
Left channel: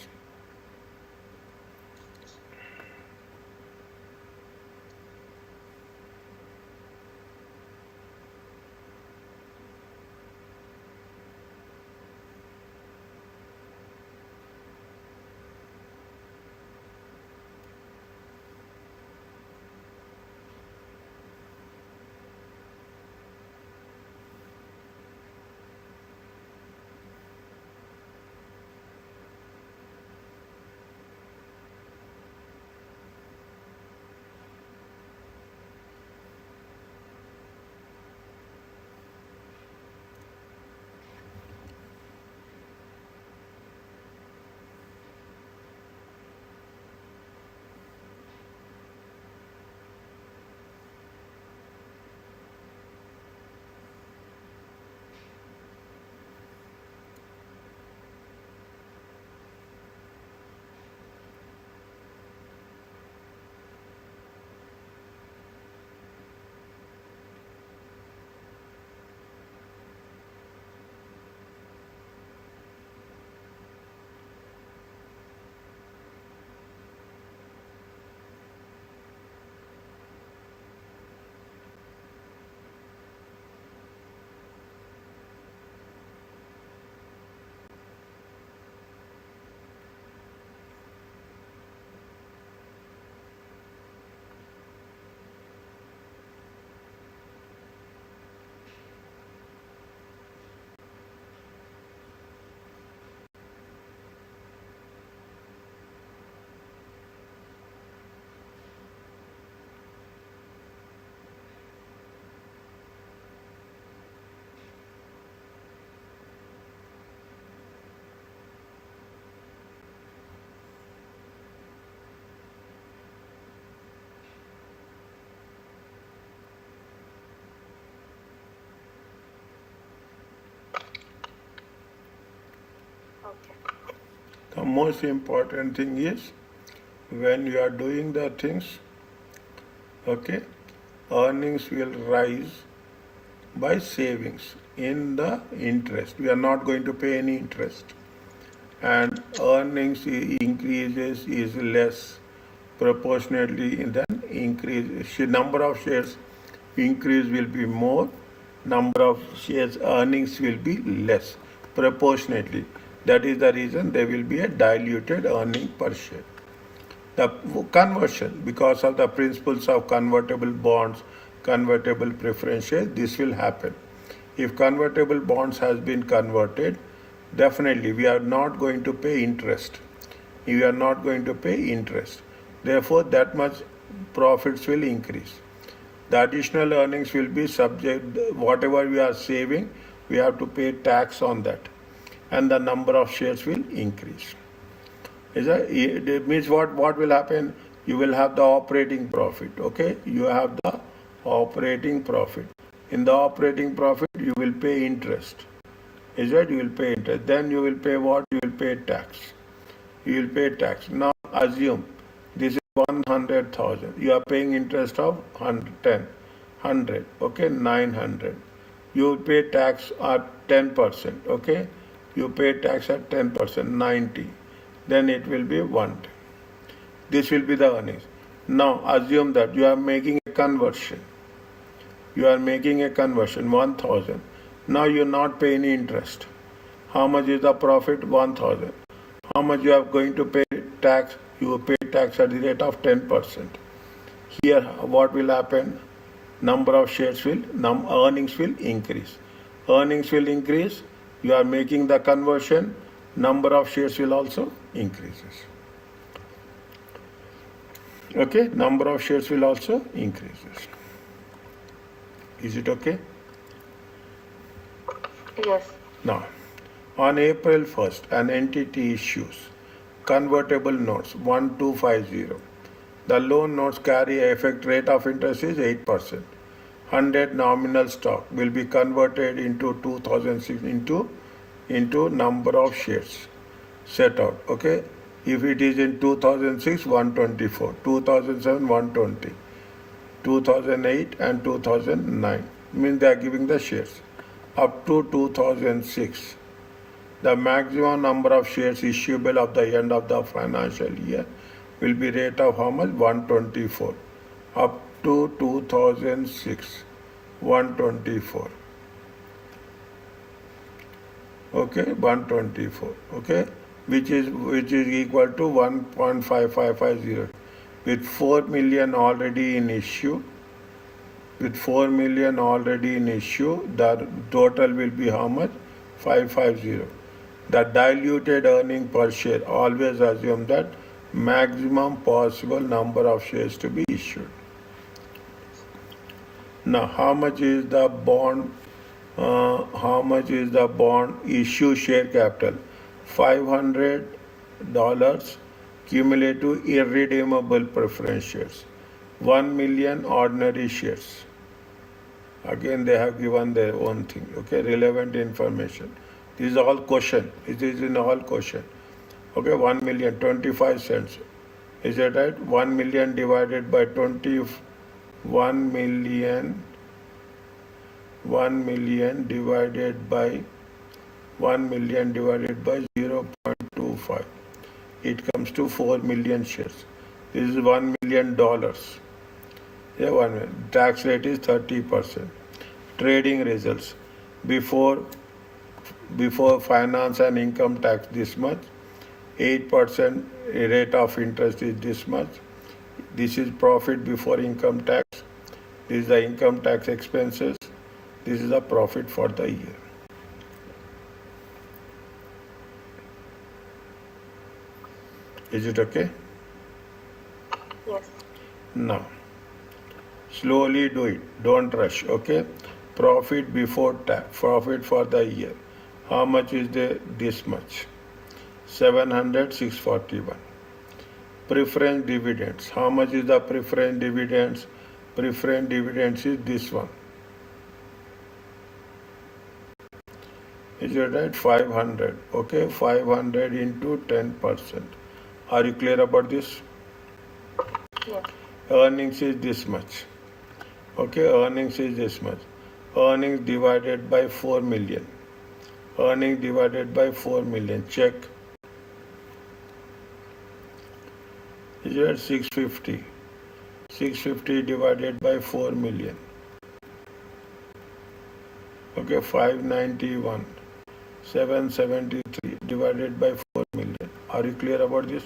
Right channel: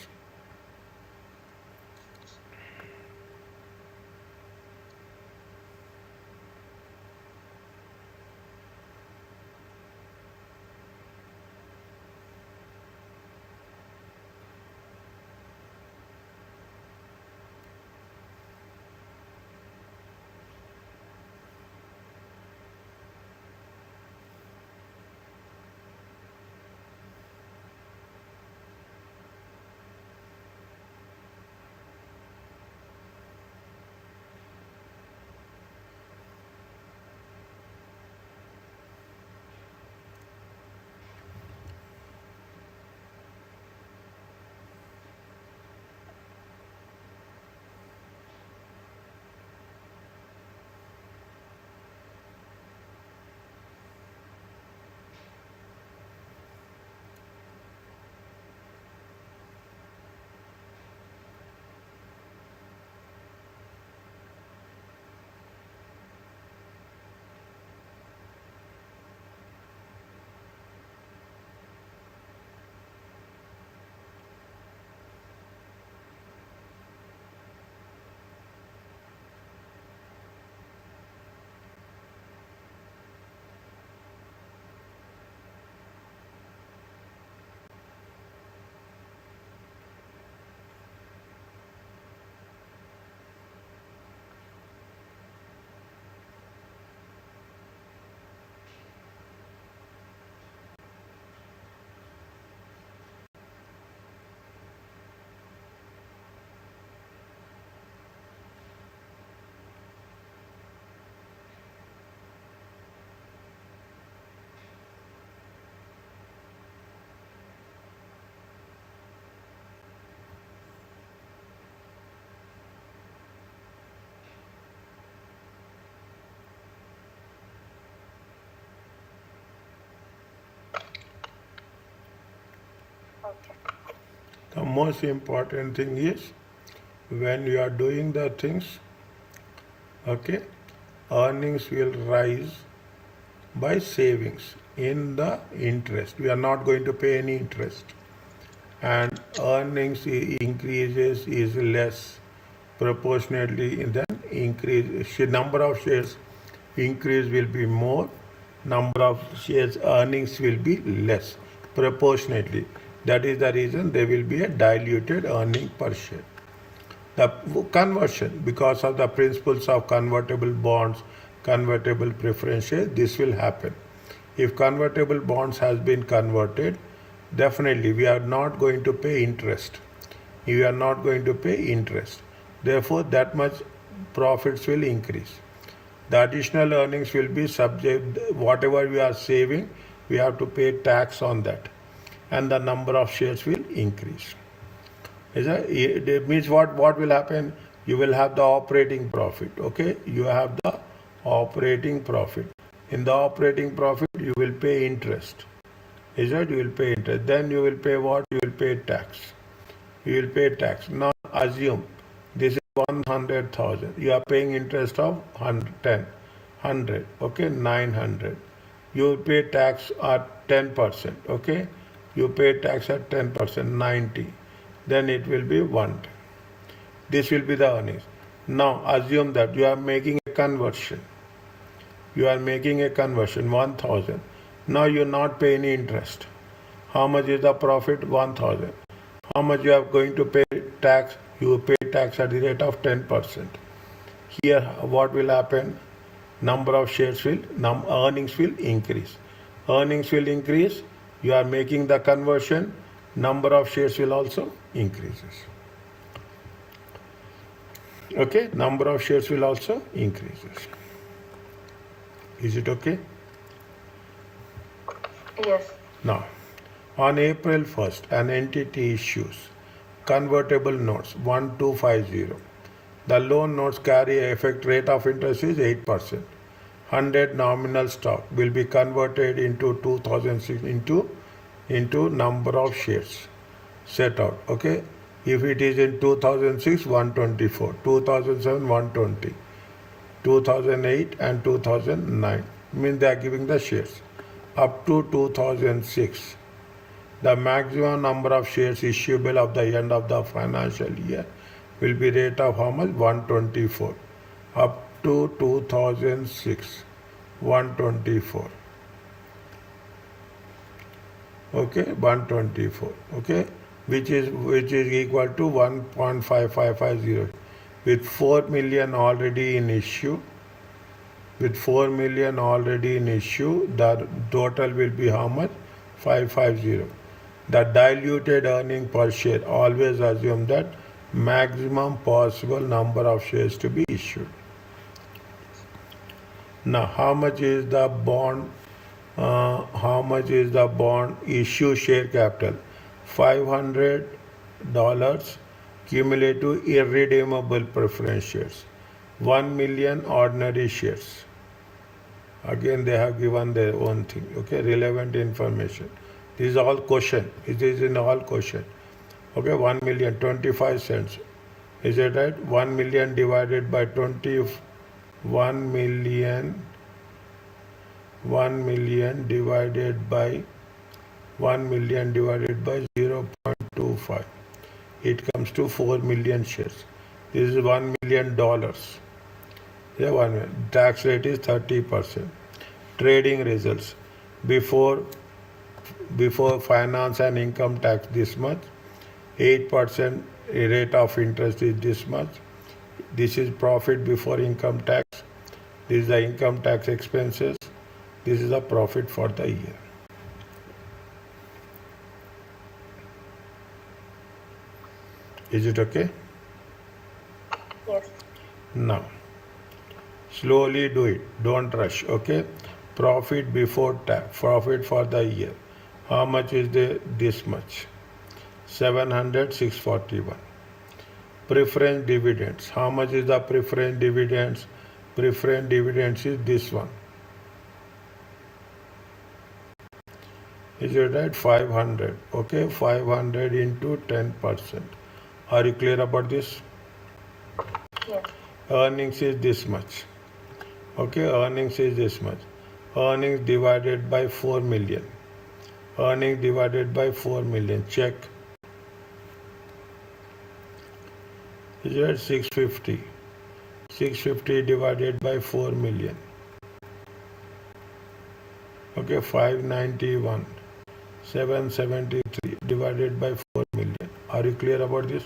Okay. The most important thing is when you are doing the things, okay, earnings will rise by savings in the interest. We are not going to pay any interest. And earnings increases is less proportionately than increase. Number of shares increase will be more, number of shares earnings will be less proportionately. That is the reason there will be a diluted earning per share. The conversion, because of the principles of convertible bonds, convertible preference shares, this will happen. If convertible bonds has been converted, definitely we are not going to pay interest. We are not going to pay interest. Therefore, that much profits will increase. The additional earnings will be subject, whatever we are saving, we have to pay tax on that. And the number of shares will increase. It means what will happen? You will have the operating profit. Okay, you have the operating profit. In the operating profit, you will pay interest. Is that you will pay interest? Then you will pay what? You will pay tax. You will pay tax. Now assume this is 100,000. You are paying interest of 100. Okay, 900. You will pay tax at 10%. Okay, you pay tax at 10%, 90. Then it will be 1. This will be the earnings. Now assume that you are making a conversion. You are making a conversion, 1000. Now you not pay any interest. How much is the profit? 1000. How much you are going to pay tax? You pay tax at the rate of 10%. Here what will happen? Number of shares will, earnings will increase. Earnings will increase. You are making the conversion. Number of shares will also increases. Okay, number of shares will also increases. Is it okay? Yes. Now, on April 1st, an entity issues convertible notes 1250. The loan notes carry a effect rate of interest is 8%. 100 nominal stock will be converted into 2006 into number of shares set out. Okay, if it is in 2006 124, 2007 120, 2008 and 2009 means they are giving the shares up to 2006. The maximum number of shares issuable at the end of the financial year will be rate of how much? 124. Up to 2006, 124. Okay, 124. Okay, which is equal to 1.5550. With 4 million already in issue, the total will be how much? 550. The diluted earning per share, always assume that maximum possible number of shares to be issued. Now, how much is the bond? Issue share capital? $500 cumulative irredeemable preference shares. 1 million ordinary shares. Again, they have given their own thing. Okay, relevant information. This is all question. It is in all question. Okay, 1 million, 25 cents. Is it right? 1 million divided by 20, 1 million divided by 0.25. It comes to 4 million shares. This is $1 million. Yeah, 1 million. Tax rate is 30%. Trading results. Before finance and income tax this much, 8% rate of interest is this much. This is profit before income tax. This is the income tax expenses. This is the profit for the year. Is it okay? Yes. Now, slowly do it. Don't rush. Okay? Profit before tax. Profit for the year. How much is there? This much. 700, 641. Preference dividends. How much is the preference dividends? Preference dividends is this one. Is it right? 500. Okay, 500 into 10%. Are you clear about this? Yes. Earnings is this much. Okay, earnings is this much. Earnings divided by 4 million. Earnings divided by 4 million. Check. Is it 650? 650 divided by 4 million. Okay, 591. 773 divided by 4 million. Are you clear about this?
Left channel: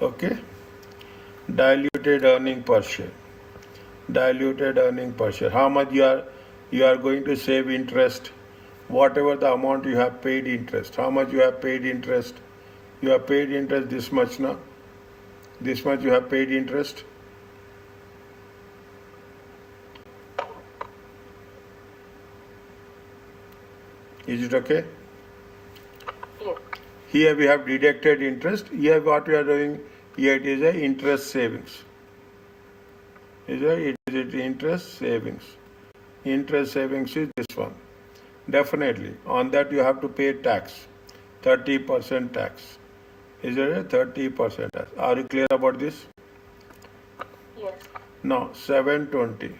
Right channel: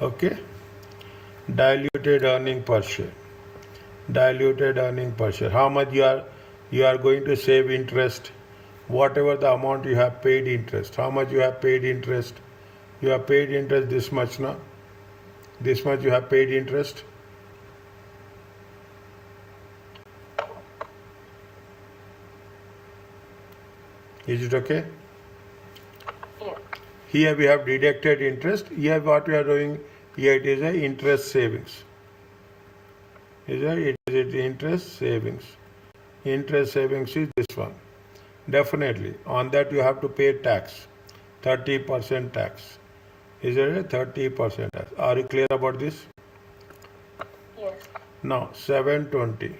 Okay. Diluted earning per share. Diluted earning per share. How much you are going to save interest? Whatever the amount you have paid interest. How much you have paid interest? You have paid interest this much now. This much you have paid interest. Is it okay? Yes. Here we have deducted interest. Here what we are doing, here it is a interest savings. It is interest savings. Interest savings is this one. Definitely. On that you have to pay tax. 30% tax. Is it a 30% tax? Are you clear about this? Yes. Now 720.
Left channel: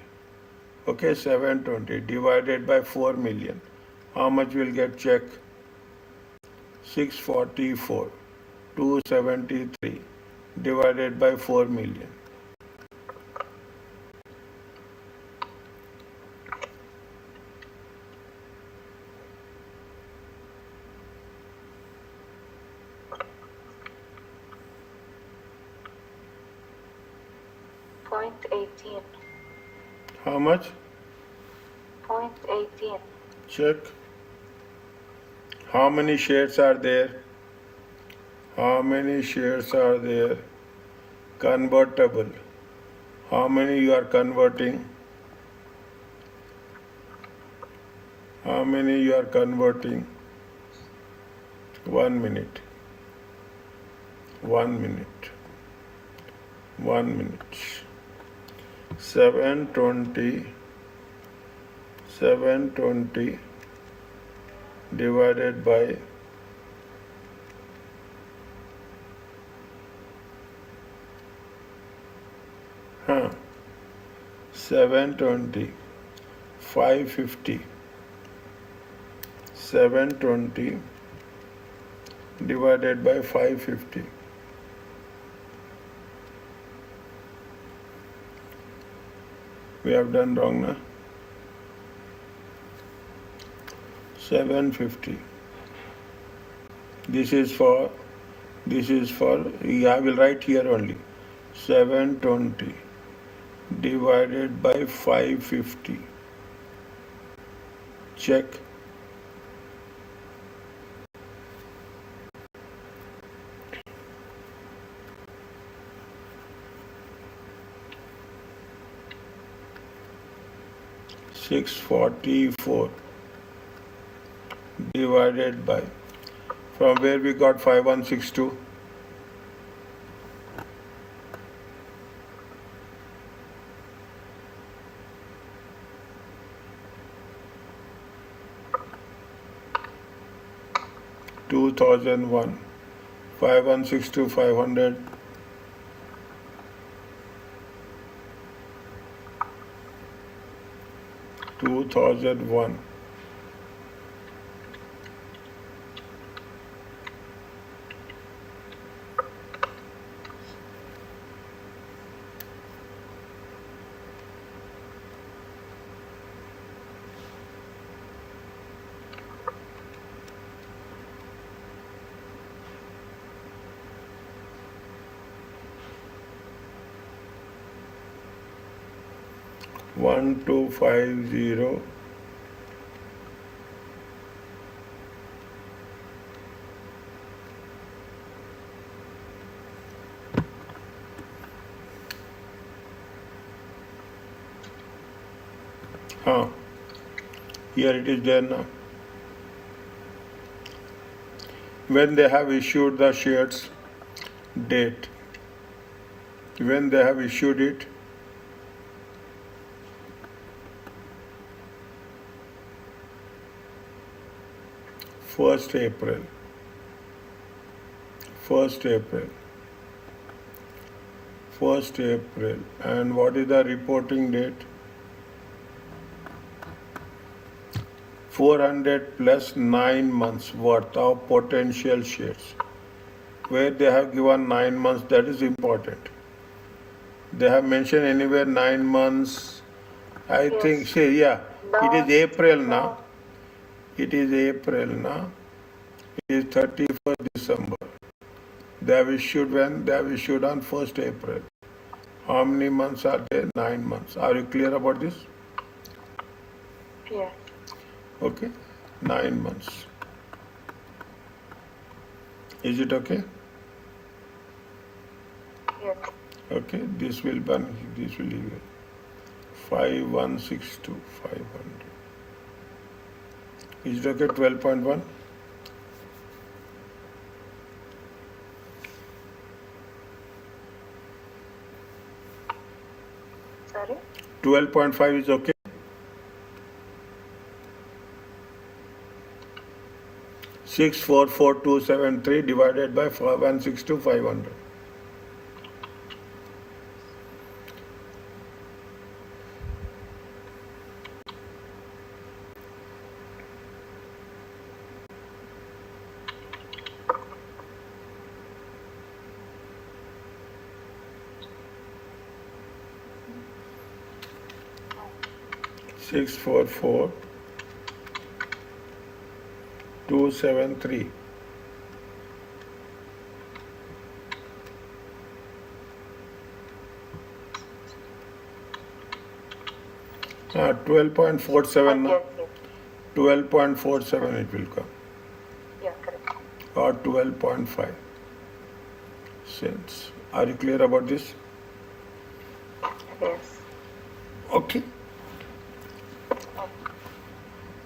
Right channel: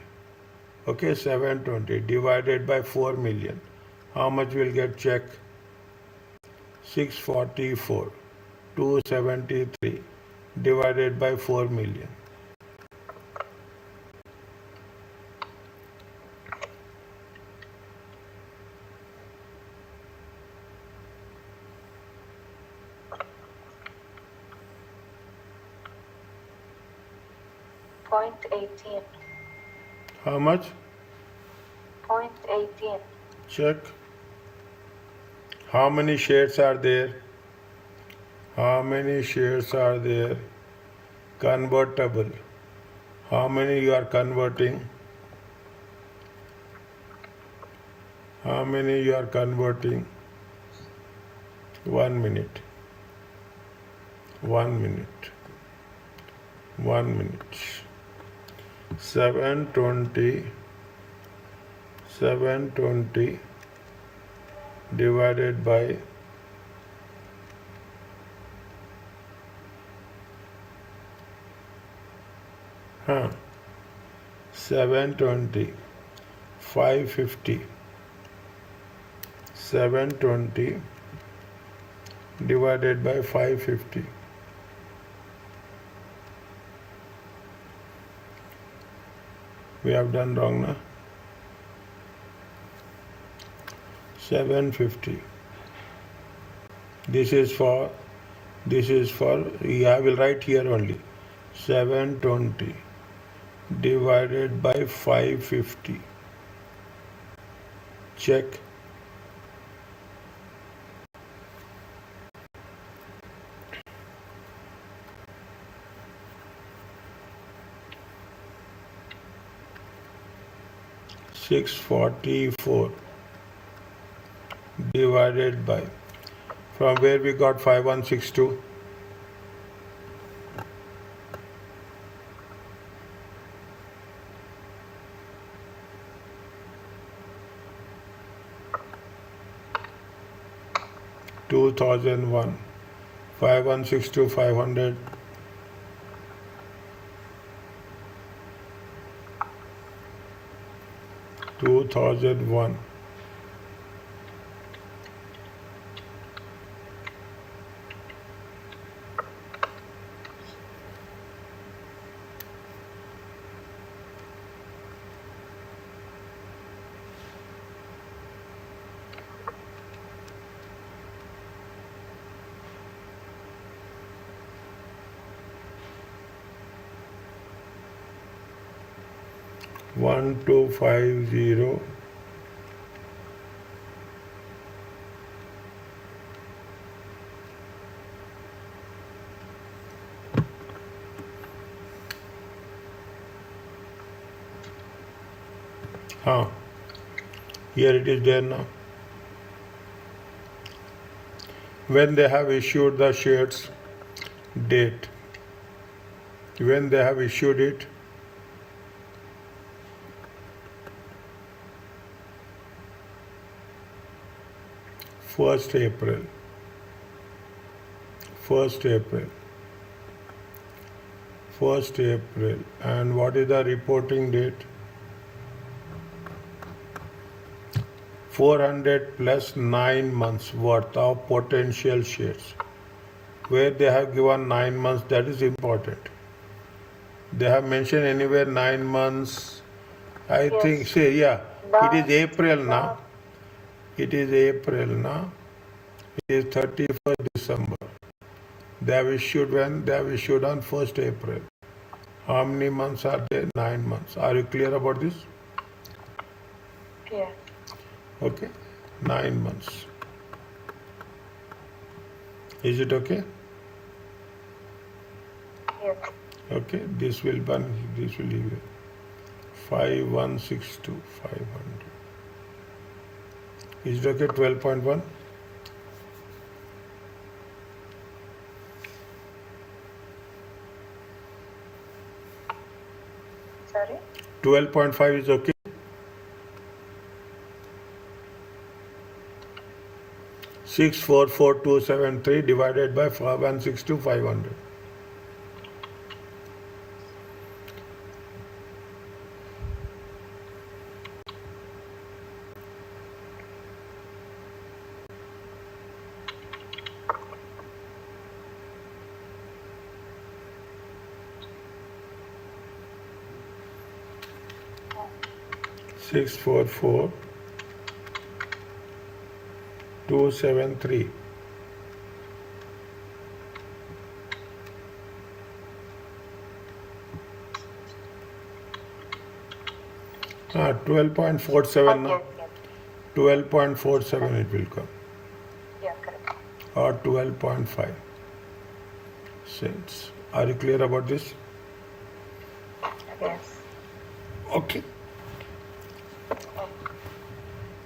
Okay, 720 divided by 4 million. How much will get check? 644. 273 divided by 4 million. .18. How much? .18. Check. How many shares are there? How many shares are there? Convertible. How many you are converting? How many you are converting? 1 minute. 1 minute. 1 minute. 720. 720 divided by 720 550 720 divided by 550 we have done wrong na 750 this is for I will write here only 720 divided by 550 check 644 divided by from where we got 5162 2001 5162 500 2001 1250 here it is there now when they have issued the shares date when they have issued it First April, and what is the reporting date? 400 plus 9 months worth of potential shares. Where they have given 9 months, that is important. They have mentioned anywhere 9 months. I Yes. think, say, yeah, it is April now. No. It is April now. It is 31st December. They have issued when? They have issued on 1st April. How many months are there? 9 months. Are you clear about this? Yes. Okay. 9 months. Is it okay? Yes. Okay. This will be, this will leave you. 5162 500. Is it okay? 12.1. Sorry? 12.5 is okay. 644273 divided by 5162 500. Six four four 273 644 12.47 now. Yes, yes. 12.47 it will come, Yeah, correct. or 12.5 cents. Are you clear about this? Yes. Okay.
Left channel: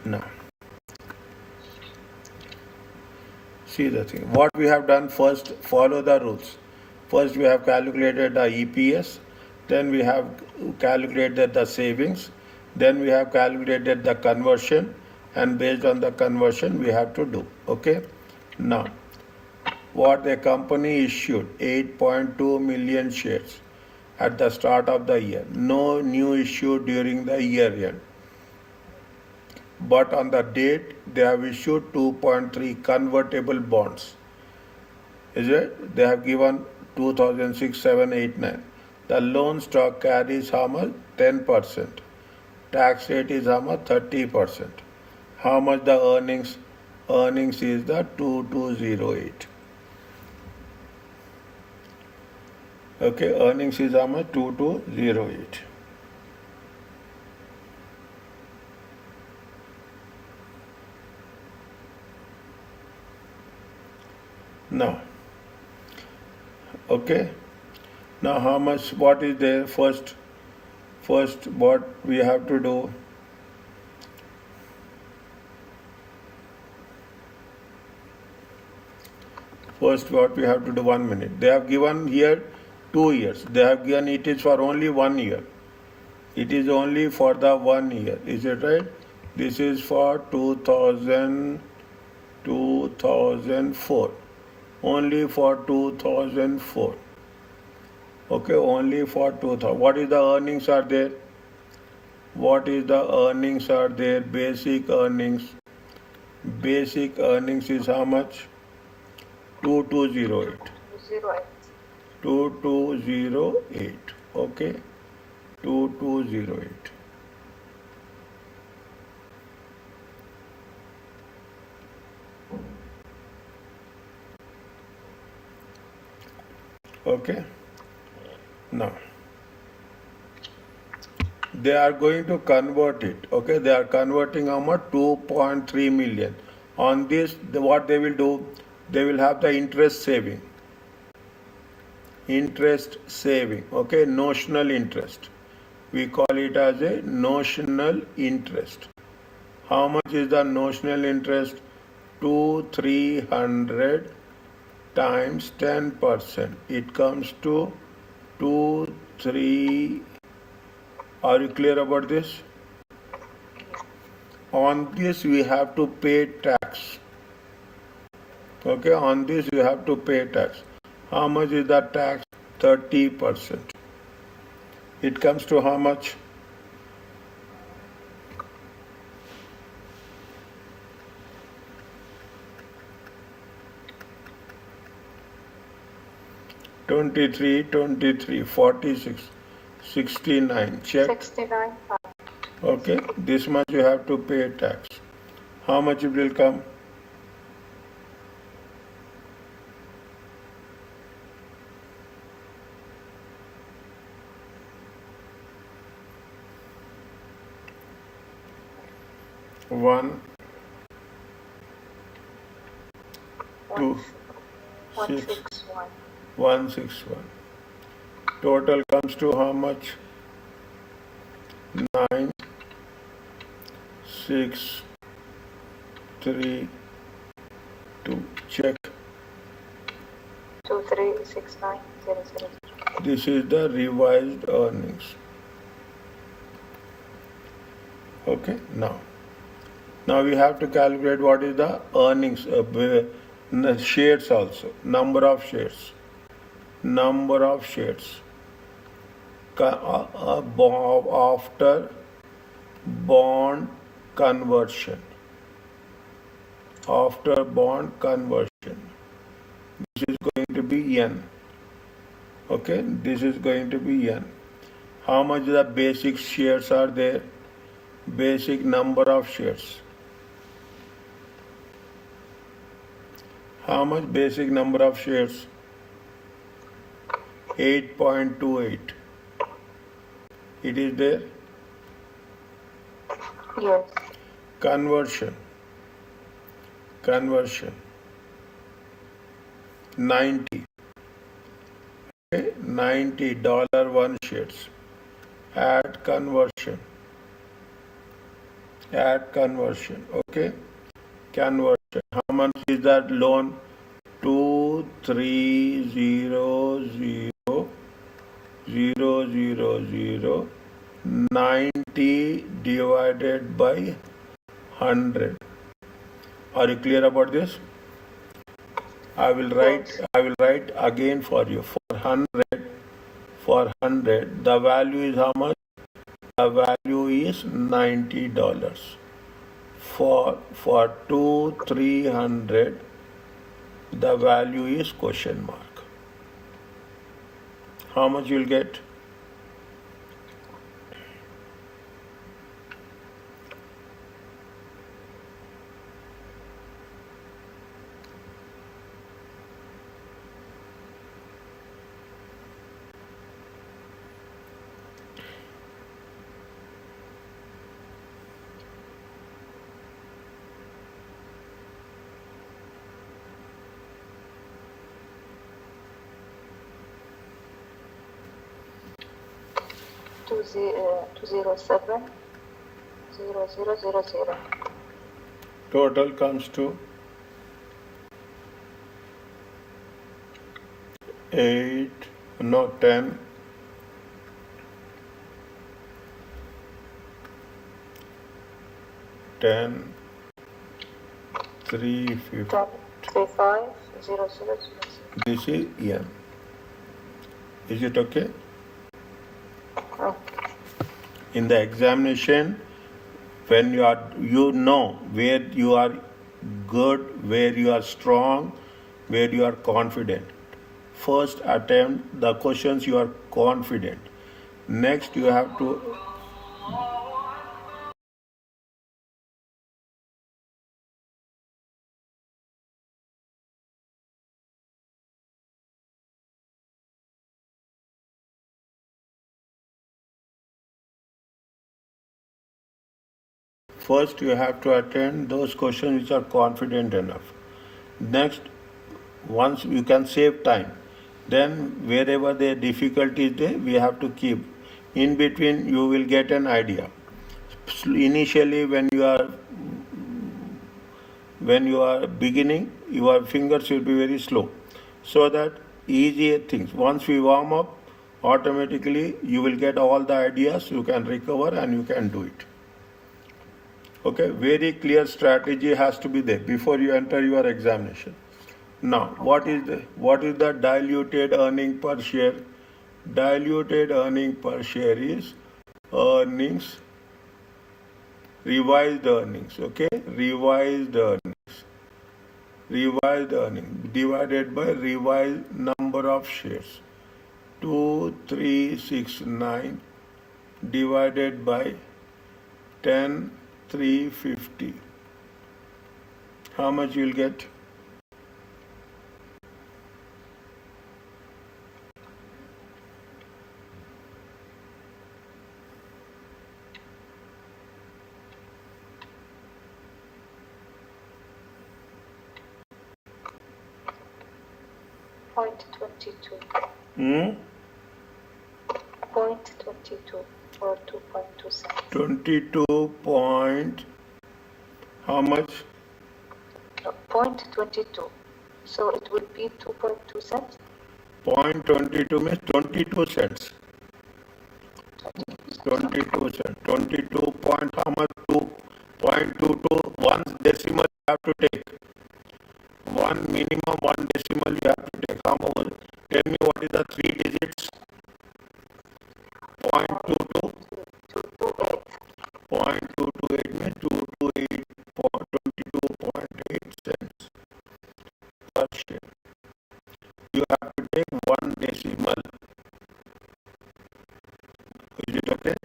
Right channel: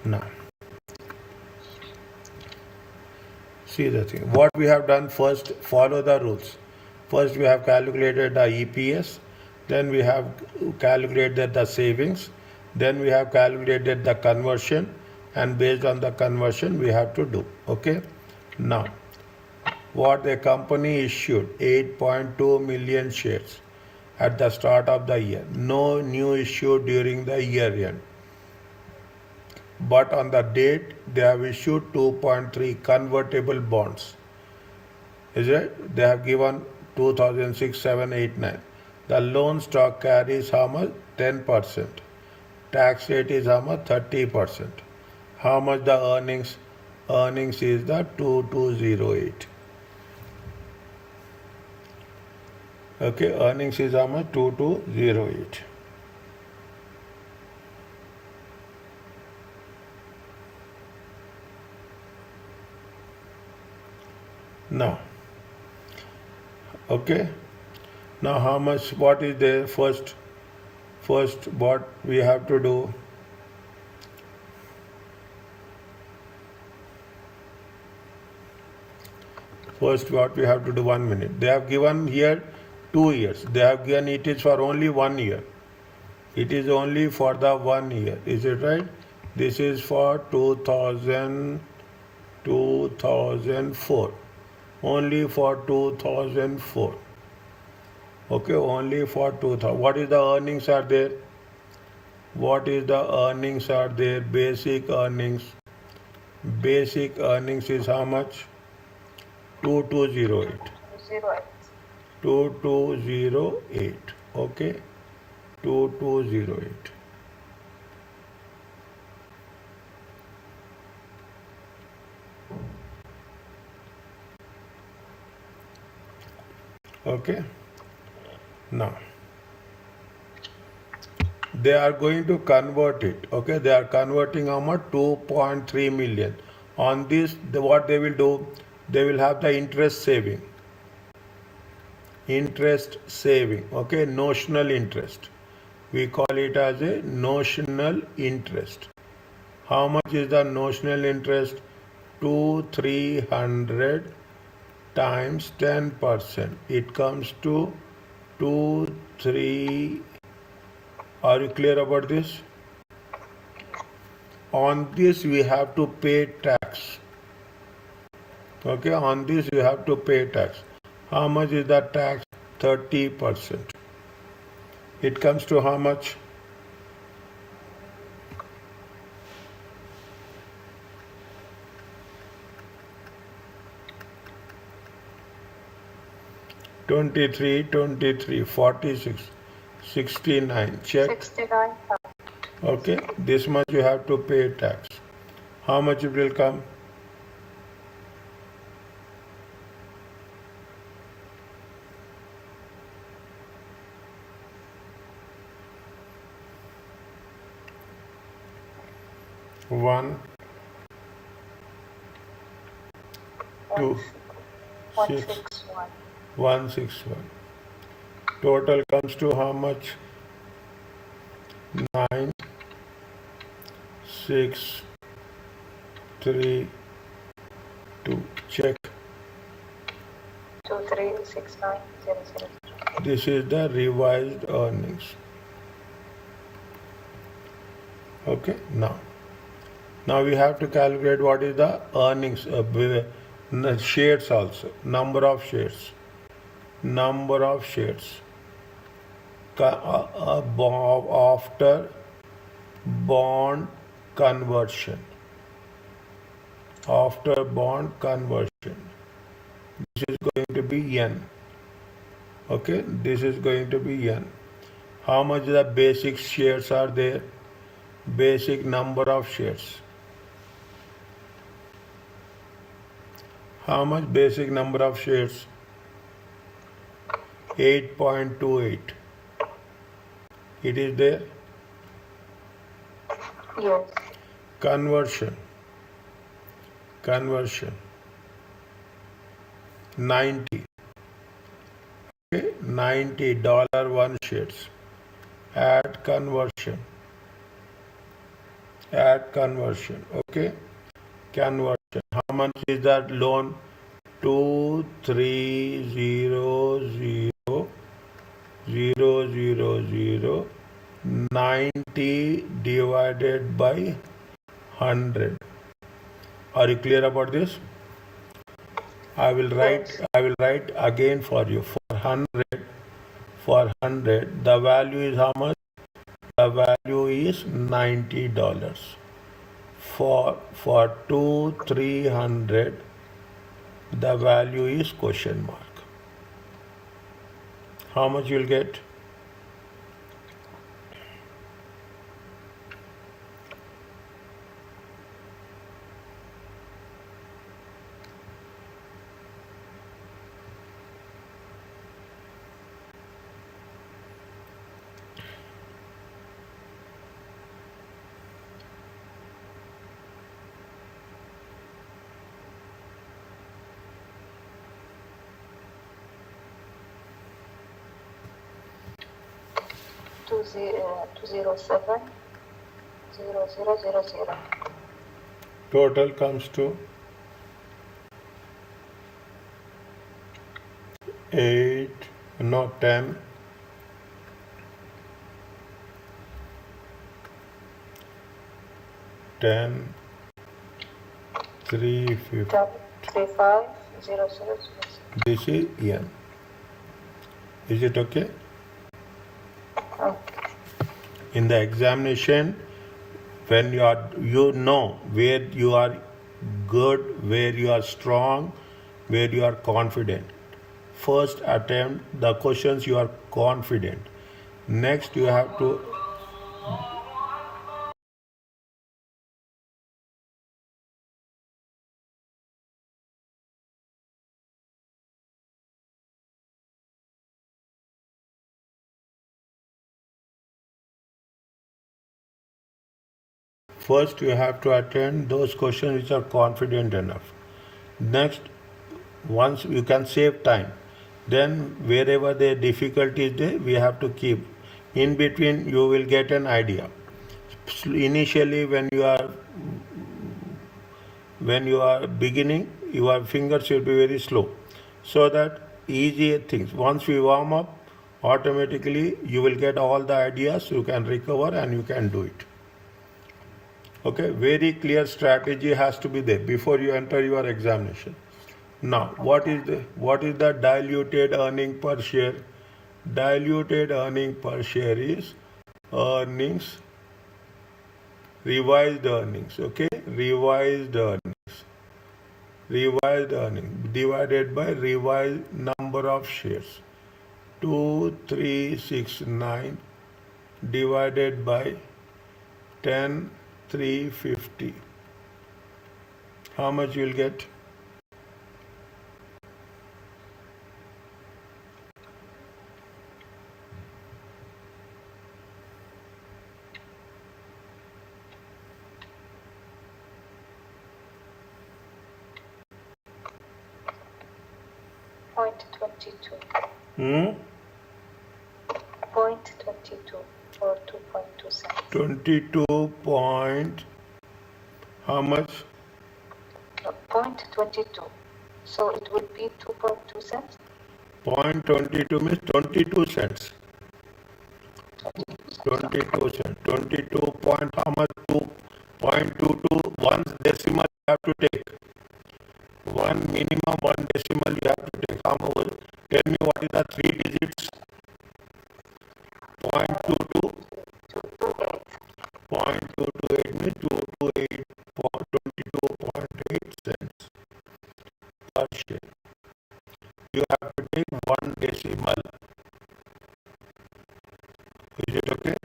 Now, see the thing. What we have done first, follow the rules. First, we have calculated the EPS, then we have calculated the savings, then we have calculated the conversion, and based on the conversion, we have to do. Okay? Now, what the company issued 8.2 million shares at the start of the year. No new issue during the year end. But on the date, they have issued 2.3 convertible bonds. Is it? They have given 2006, 7, 8, 9. The loan stock carries how much? 10%. Tax rate is how much? 30%. How much the earnings? Earnings is the 2208. Okay, earnings is how much? 2208. Now, okay. Now, how much? What is there? First, what we have to do? First, what we have to do? 1 minute. They have given here 2 years. They have given it is for only 1 year. It is only for the 1 year. Is it right? This is for 2004. Only for 2004. Okay, only for 2000. What is the earnings are there? What is the earnings are there? Basic earnings. Basic earnings is how much? 2208. 08. 2208. Okay, 2208. Okay. Now, they are going to convert it. Okay, they are converting how much? 2.3 million. On this, what they will do? They will have the interest saving. Interest saving. Okay, notional interest. We call it as a notional interest. How much is the notional interest? 300 times 10%. It comes to 3. Are you clear about this? On this we have to pay tax. Okay, on this you have to pay tax. How much is the tax? 30%. It comes to how much? $23, 23, 46, 69. Check. 69. Okay, this much you have to pay tax. How much it will come? One, two, 6, 161. 161. Total comes to how much? 9, 6, 3, 2. Check. 2369000. This is the revised earnings. Okay, now we have to calculate what is the earnings of shares also. Number of shares. Number of shares. After bond conversion. After bond conversion. This is going to be N. Okay, this is going to be N. How much the basic shares are there? Basic number of shares. How much basic number of shares? 8.28. It is there. Yes. Conversion. 90. Okay? $90 one shares. Add conversion. Okay? Conversion. How much is that loan? 2,300,090 divided by 100. Are you clear about this? I will Yes. write again for you. For 100, the value is how much? The value is $90. For 300, the value is question mark. How much you'll get? Two zero 70000. Total comes to 8, no 10, 350. 10350000. This is N. Is it okay? Okay. In the examination, when you know where you are good, where you are strong, where you are confident. First attempt the questions you are confident. Next you have to attend those questions which are confident enough. Next, once you can save time, then wherever the difficulty is there, we have to keep. In between, you will get an idea. Initially, when you are beginning, your fingers will be very slow, so that easier things. Once we warm up, automatically you will get all the ideas. You can recover and you can do it. Okay, very clear strategy has to be there before you enter your examination. Now, what is the diluted earning per share? Diluted earning per share is earnings, revised earnings. Okay, revised earnings divided by revised number of shares. 2369 divided by 10,350. How much you'll get? Point 22. Hmm? 0.22 or 2.2 cents. 22 point. How much? 0.22. So it would be 2.2 cents. 0.22 means 22 cents. 22 cents. 22 point how much? 2.22. One decimal you have to take. Minimum one decimal you have to take. How much? Tell me what is the three digits? 0.22. 0.228 means 228 22.8 cents per share. You have to take one decimal. Is it okay?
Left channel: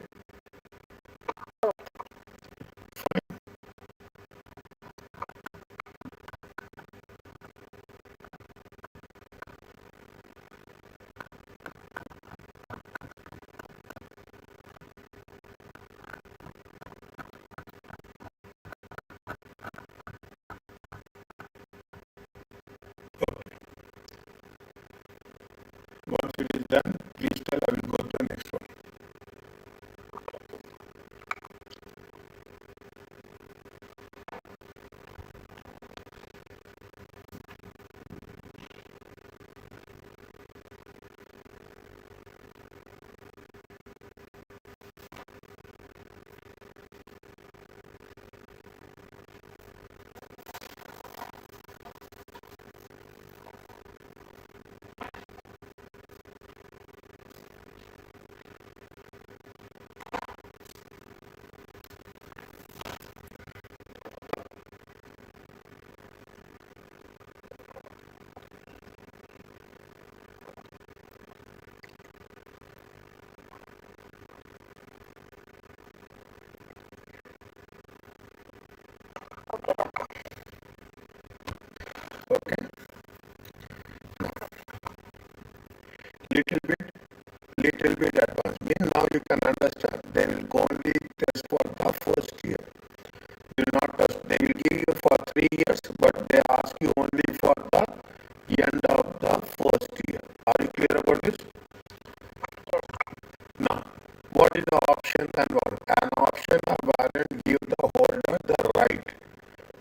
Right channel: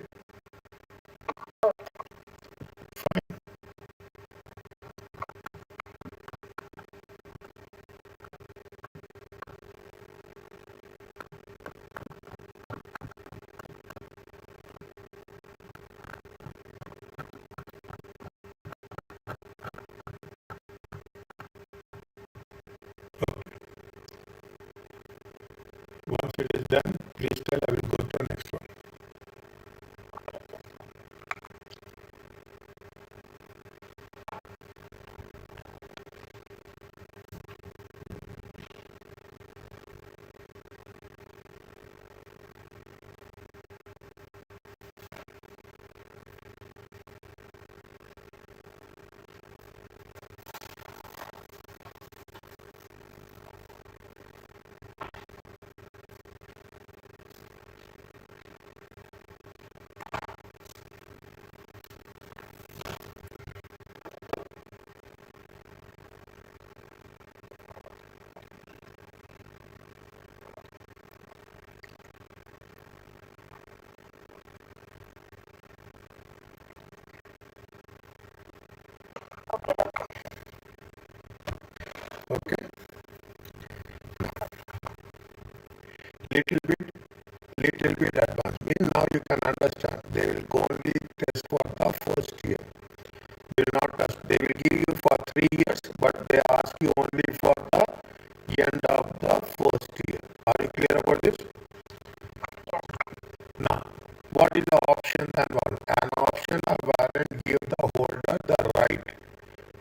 Please tell, I will go to the next one. Okay, little bit advanced. Means now you can understand. They will only test for the first year. Will not test. They will give you for 3 years, but they ask you only for the end of the first year. Are you clear about this? Now, what is the option and warrant? An option or warrant give the holder the right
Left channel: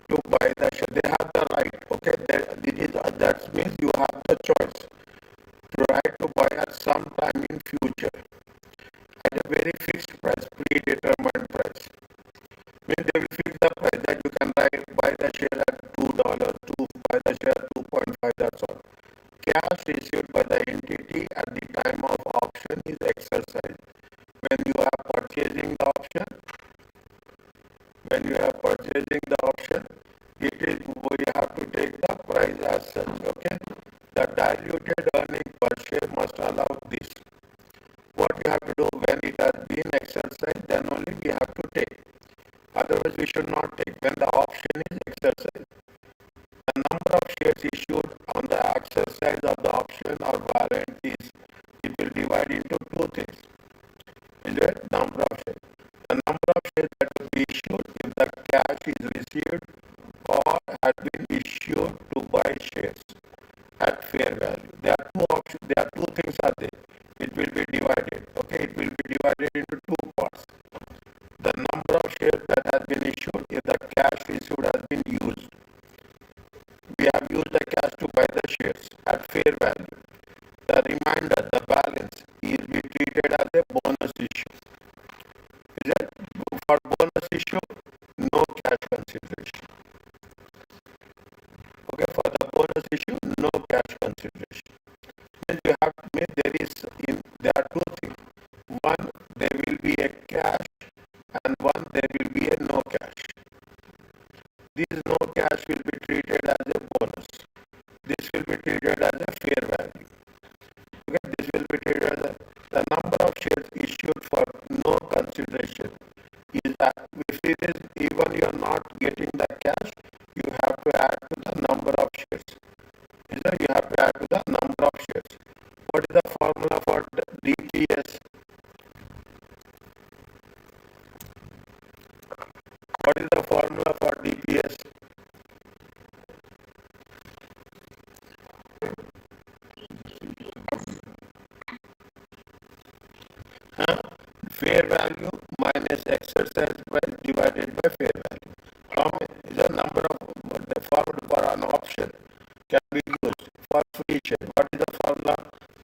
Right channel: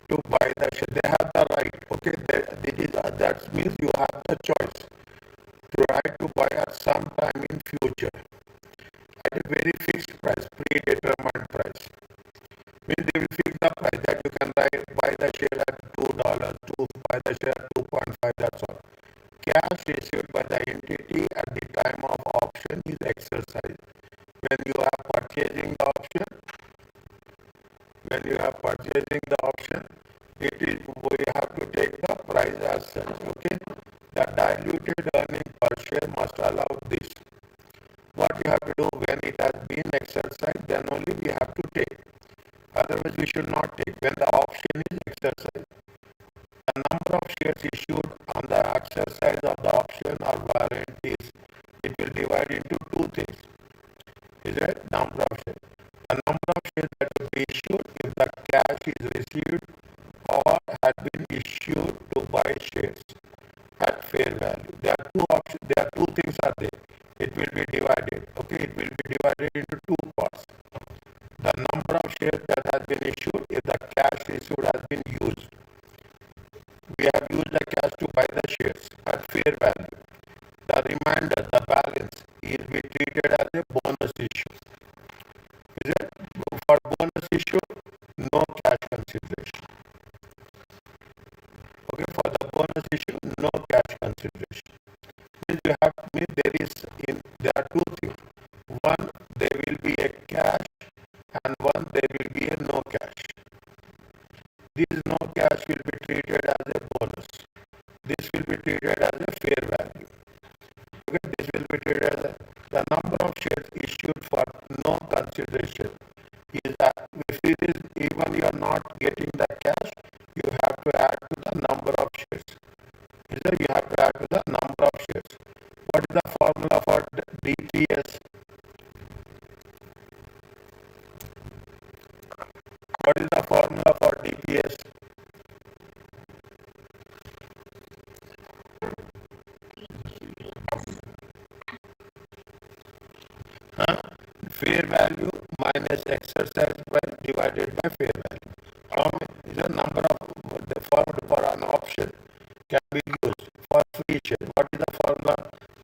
to buy the share. They have the right. Okay, that means you have the choice to right to buy at some time in future at a very fixed price, predetermined price. Means they will fix the price that you can buy the share at $2, buy the share at 2.5. That's all. Cash issued by the entity at the time of option is exercised. When you are purchasing the option, it is we have to take the price as such. Okay, the diluted earning per share must allow this. What you have to do when it has been exercised, then only we have to take. Otherwise, we should not take. When the option is exercised, the number of shares issued on the exercise of the option or warrant is it will divide into two things. Is it number of shares? The number of shares that will be issued if the cash is received or had been issued to buy shares at fair value. There are two options. There are two things are there. It will be divided. Okay, it will be divided into two parts. The number of shares that has been issued if the cash issued has been used. We have used the cash to buy the shares at fair value. The remainder, the balance, is be treated as a bonus issue. Is it? For bonus issue, no cash consideration. Okay, for the bonus issue, no cash consideration. Means you have means there are two things. One, there will be a cash, and one there will be a no cash. This no cash will be treated as a bonus. This will be treated as a fair value. Okay, this will be treated as the number of shares issued for no consideration is that if it is even you are not getting the cash, you have to add to the number of shares. You have to add to the number of shares. What is the formula for DPS? What is the formula for DPS? Fair value minus exercise price divided by fair value. The number of the formula for an option can be used for free share. What is the formula?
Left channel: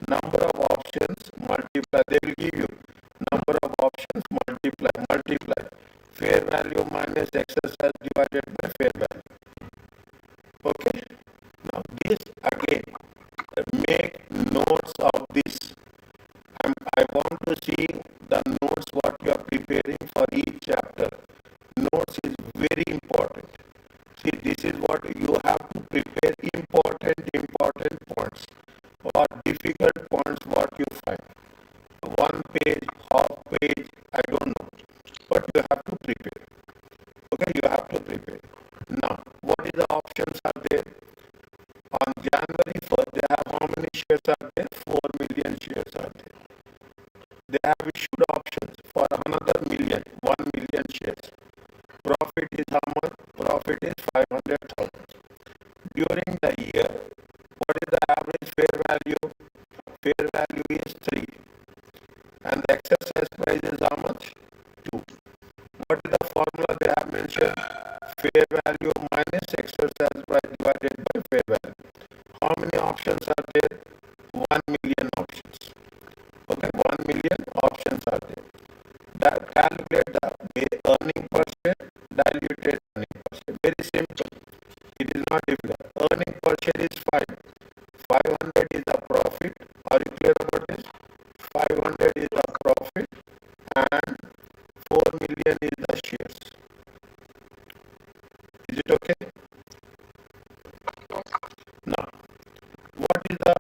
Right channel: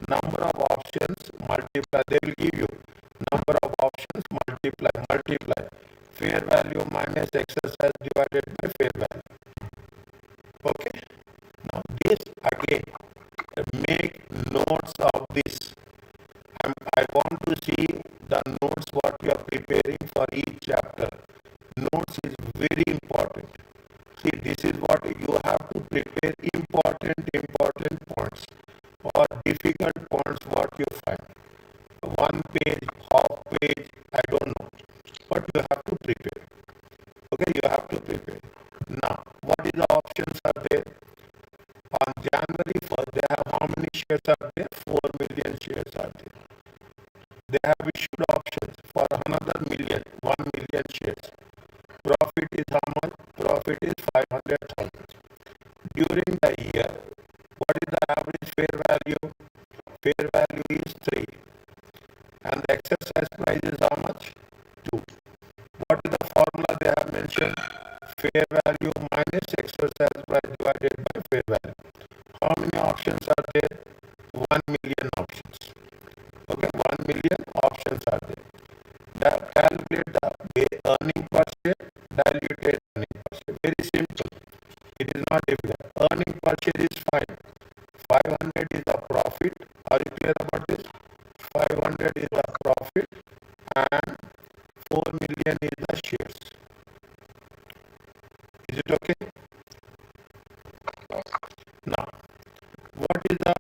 Number of options multiply. They will give you number of options multiply. Fair value minus exercise divided by fair value. Okay. Now this again, make notes of this. I want to see the notes what you are preparing for each chapter. Notes is very important. See, this is what you have to prepare important points or difficult points what you find. 1 page, half page, I don't know. But you have to prepare. Okay, you have to prepare. Now, what is the options are there? On January 1st, they have how many shares are there? 4 million shares are there. They have issued options for another 1 million shares. Profit is how much? Profit is 500,000. During the year, what is the average fair value? Fair value is 3. and the exercise price is how much? 2. What is the formula they have mentioned? Fair value minus exercise price divided by fair value. How many options are there? 1 million options. Okay, 1 million options are there. That calculate the earning per share, diluted earning per share. Very simple. It is not difficult. Earning per share is 5. 500 is the profit. Are you clear about this? 500 is the profit and 4 million is the shares. Is it okay? Now, what is the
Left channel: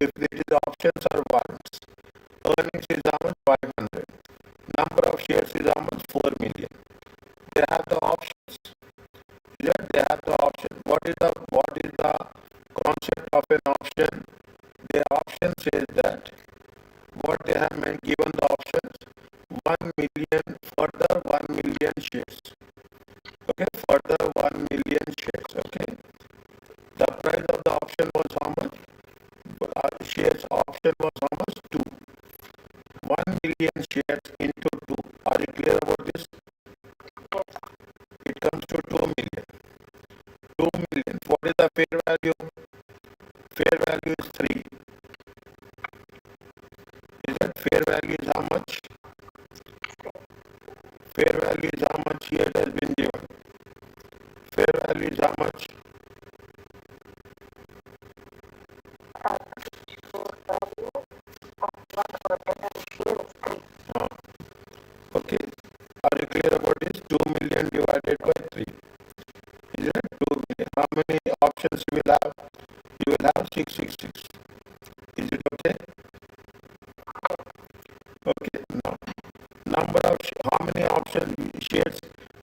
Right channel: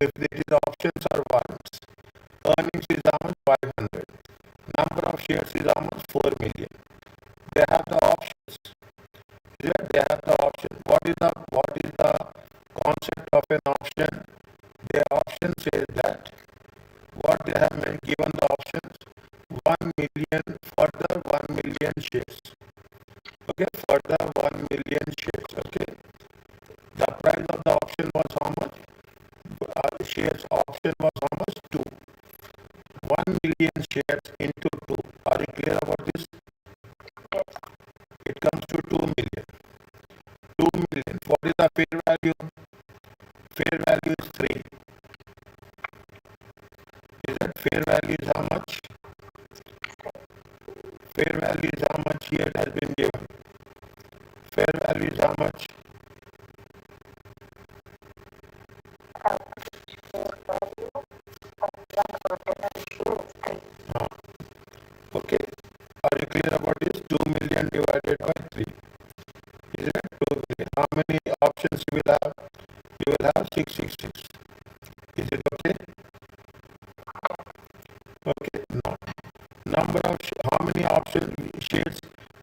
if it is options or ones? Earnings is how much? 500. Number of shares is how much? 4 million. They have the options. Yeah, they have the option. What is the concept of an option? The option says that what they have given the options 1 million for the 1 million shares. Okay, for the 1 million shares. Okay, the price of the option was how much? Shares option was how much? 2. 1 million shares into 2. Are you clear about this? It comes to 2 million. 2 million. What is the fair value? Fair value is 3. Is that fair value is how much? Fair value is how much here has been given. Fair value is how much? Okay. Are you clear about this? 2 million divided by 3. Is it 2 million? How many options you will have? You will have 666. Is it okay? Okay. Now, how many options shares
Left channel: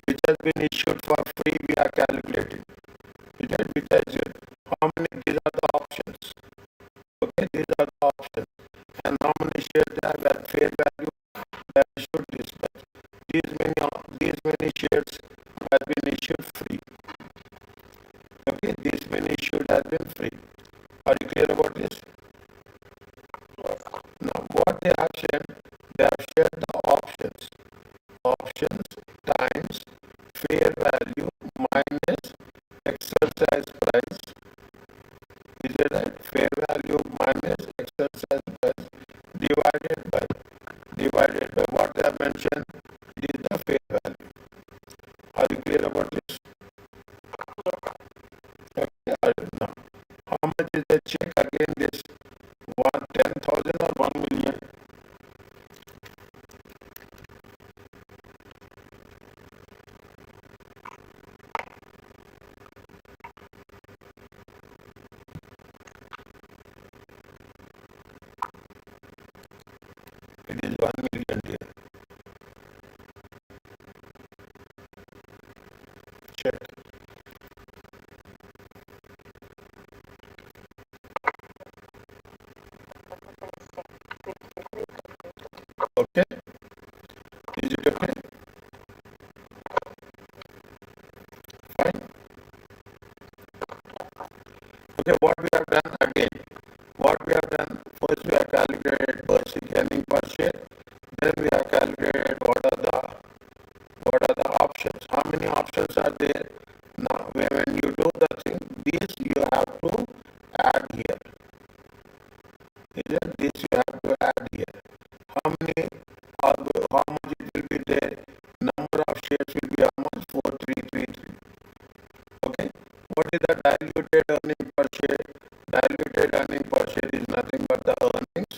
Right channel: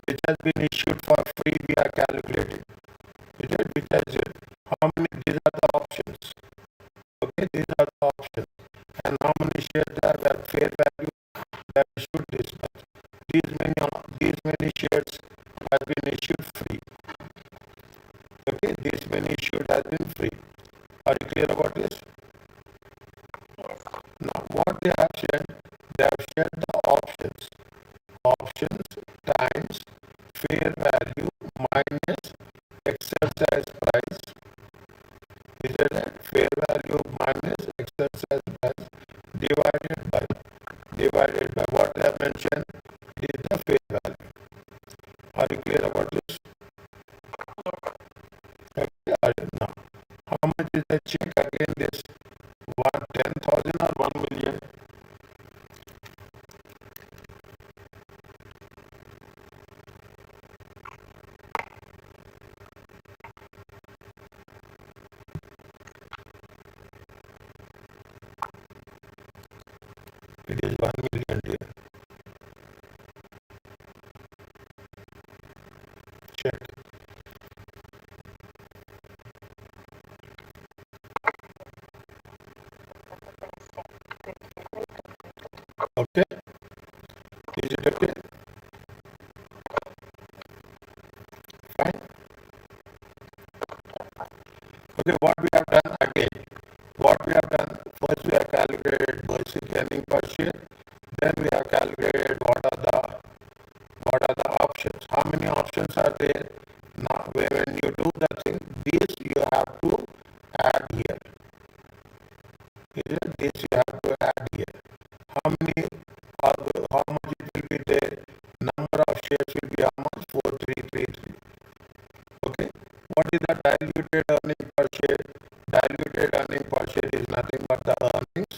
which has been issued for free we are calculating. Is it which has how many? These are the options. Okay, these are the options. And how many shares have at fair value that issued this much? These many shares have been issued free. Okay, these many issued have been free. Are you clear about this? Now, what they have shared the options. Options times fair value minus exercise price. Is it right? Fair value minus exercise price divided by what I mentioned. This is the fair value. Are you clear about this? Okay. Now, how much is the check again? This 10,000 or 1 million? It is 1 million here. Check. Okay. Is it okay? Fine. Okay, what we have done again. What we have done, first we have calculated basic earning per share. Then we have calculated what are the options. How many options are there? Now, when you do the thing, this you have to add here. Is it? This you have to add here. How many? How much it will be there? Number of shares will be how much? 4333. Okay. What is the diluted earning per share? Diluted earning per share is nothing but the earnings.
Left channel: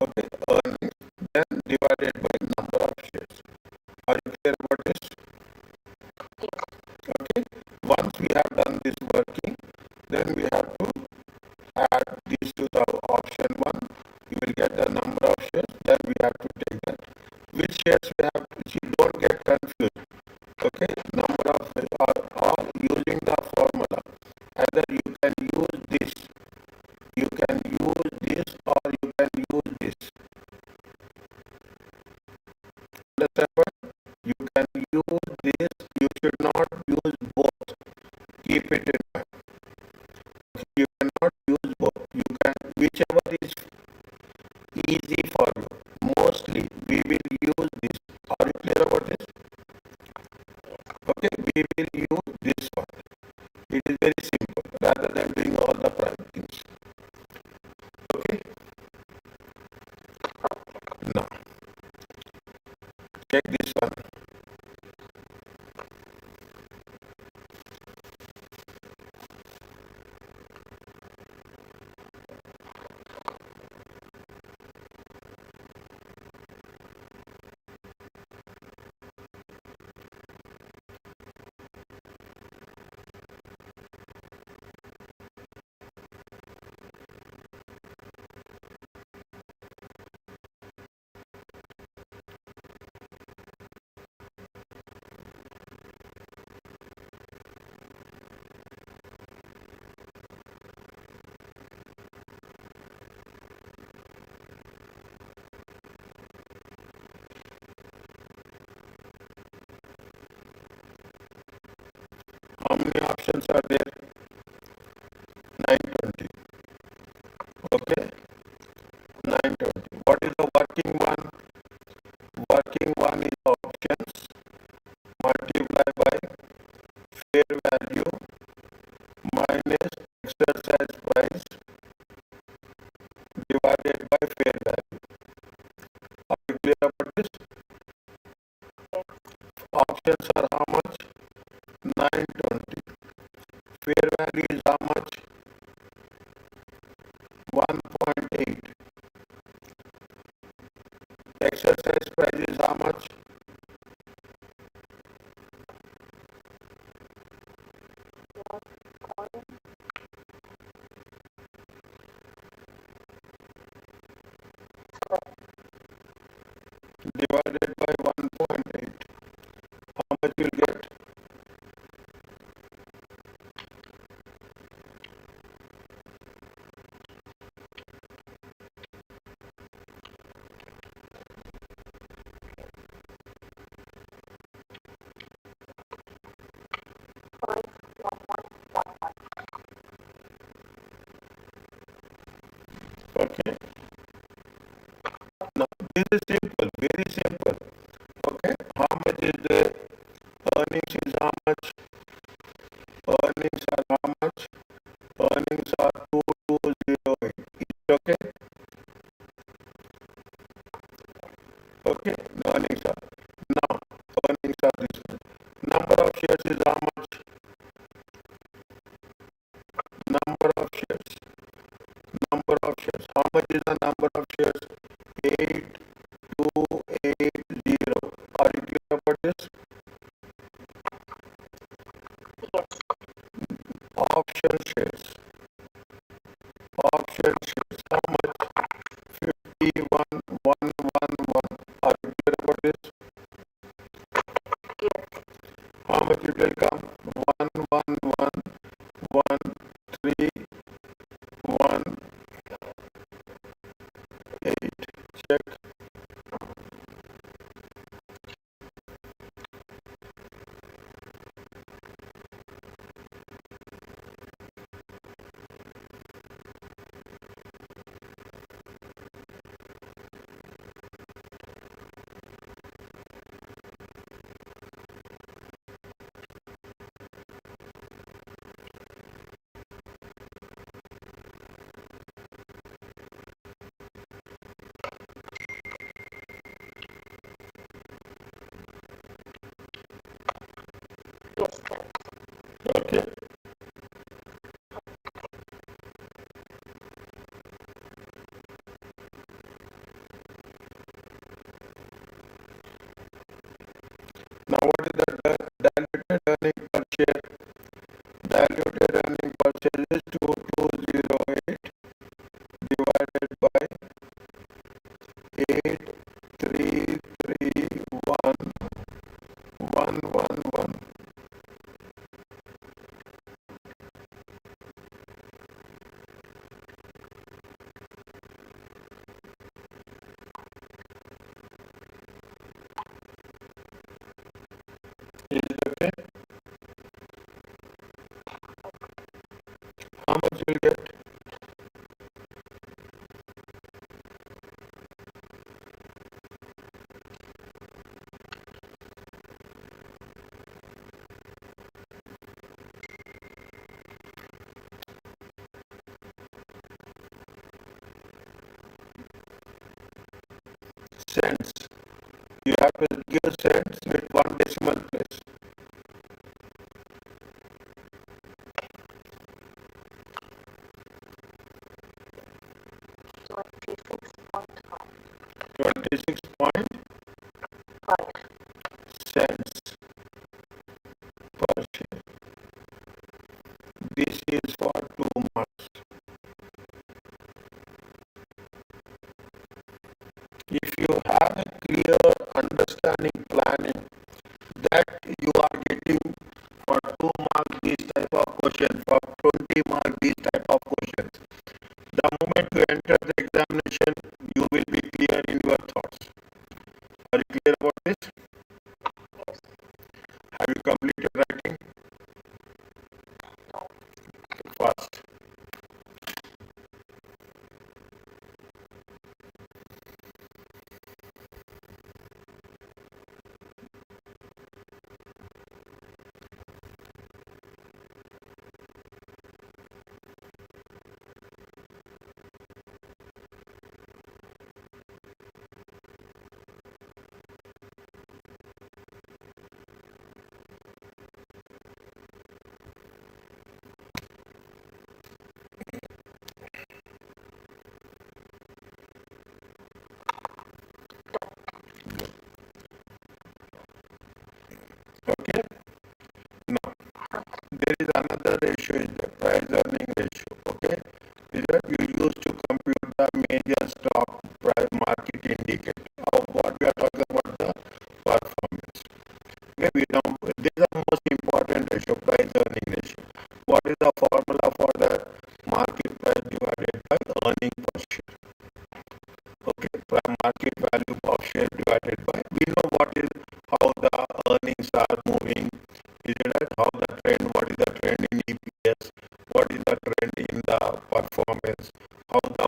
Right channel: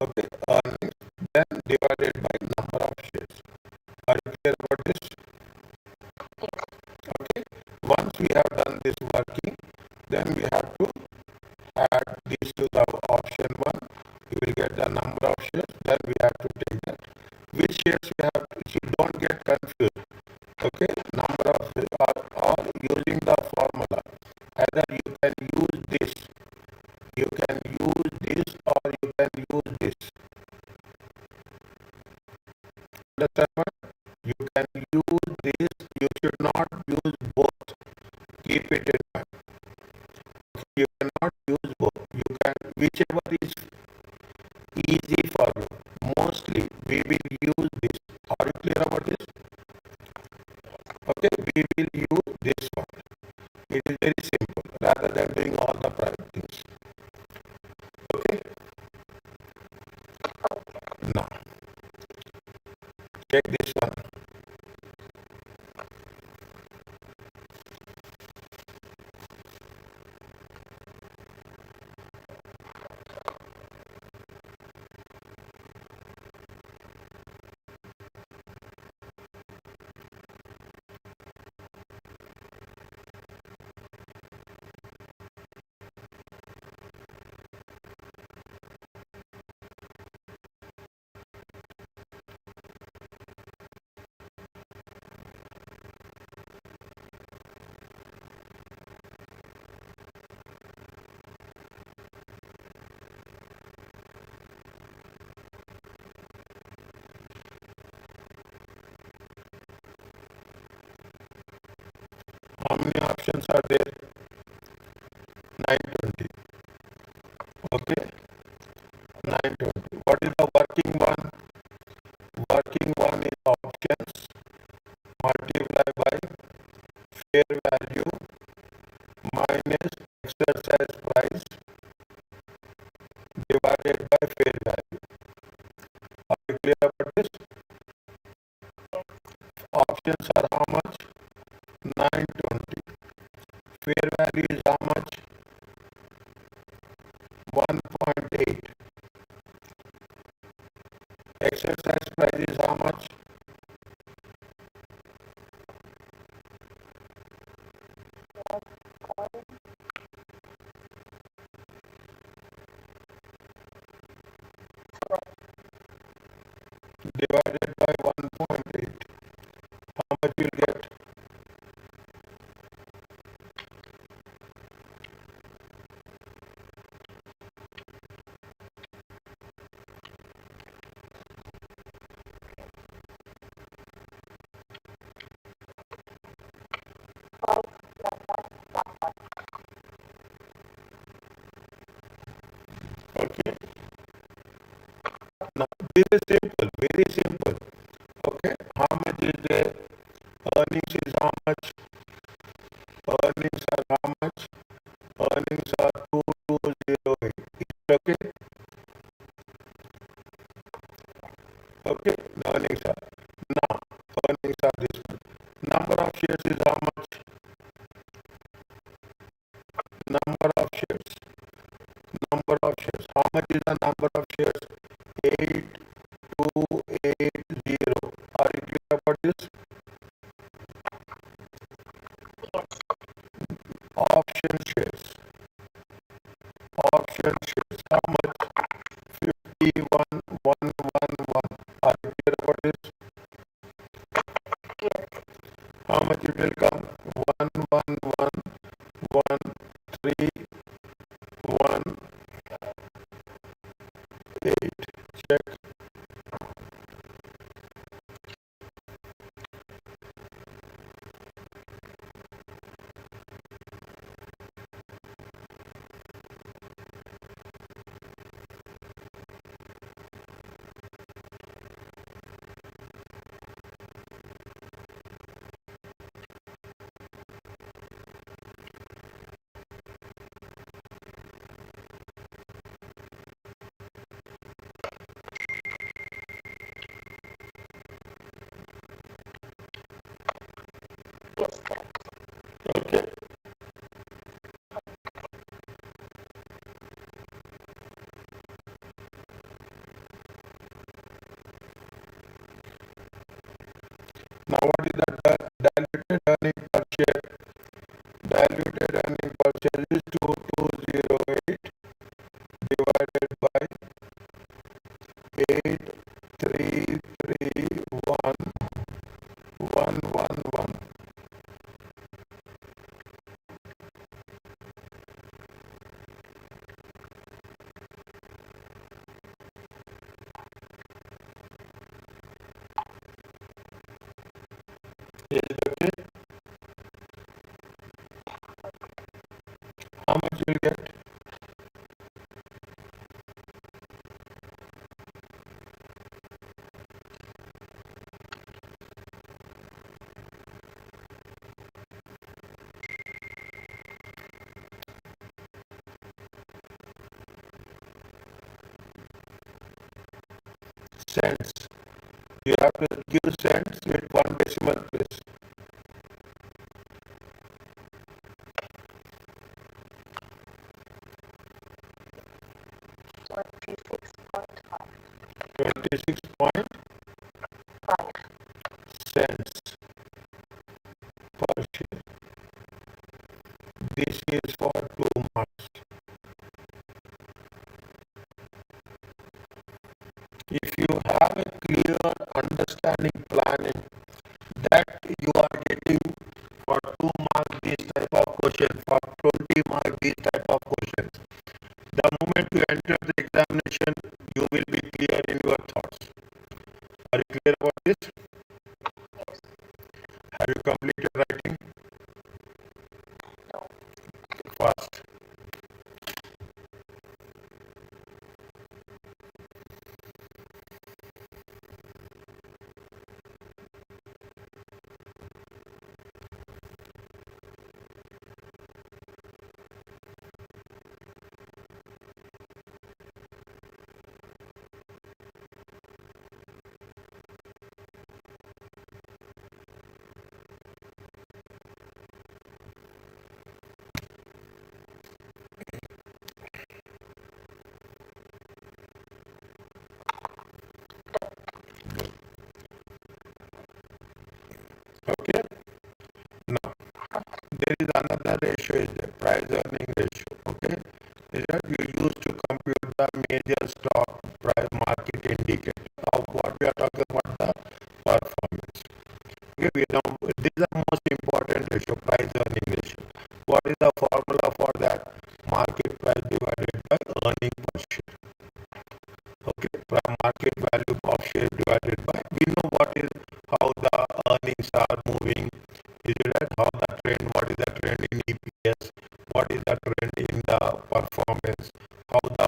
Okay, earnings then divided by number of shares. Are you clear about this? Okay. Once we have done this working, then we have to add these to the option 1. You will get the number of shares. Then we have to take that. Which shares we have to see? Don't get confused. Okay, number of or using the formula. Either you can use this, or you can use this. Understand what? You can use this. You should not use both. Keep it in mind. You cannot whichever is easy for you. Mostly we will use this. Are you clear about this? Okay, we will use this one. It is very simple rather than doing all the private things. Okay, now check this one. How many options are there? 920. Okay, 920. What is the working one? Working one is options multiply by fair value minus exercise price divided by fair value. Are you clear about this? Options are how much? 920. Fair value is how much? 1.8. Exercise price is how much? Divided by 1.8. How much you will get? Okay. Now this is simple, very simple. Okay. How much is there? Earnings is how much? Earnings are how much? Earnings are 2208. Is it okay? Okay. The earnings are. Now earnings are this one. Number of shares is how much? Number of shares. Number of shares. How much is the number of shares? 8280. Are you clear about this? Option shares. Option shares. How much? 51111. Are you clear about this? How much it will come? 1111318. Check. Okay. Now what is the diluted earning per share? Diluted earning per share is 2208 divided by 8331111. Is it okay? How much you will get? cents. You have to give cents with one decimal place. $26.5 cents per share. This is for 2 months. If you have a clear understanding planning that you are getting for 2 marks this type of question, for 20 marks this type of questions, the moment you enter the examination, you will be clear in your thoughts. Are you clear about this? Have you completed writing? Fast. Okay. Now, there is another ratio, is the price earning ratio. Okay. Is that you use to compute the major stock price market indicator of what we are talking about the performance. Okay. We don't, this is the most important ratio, price earning ratio. What is the formula for that? Market price divided by earning per share. Okay, market value per share divided by, we know what is, how the earnings are moving, is it right? How the trend, what is the trend in EPS, what is the trend in the performance, how the,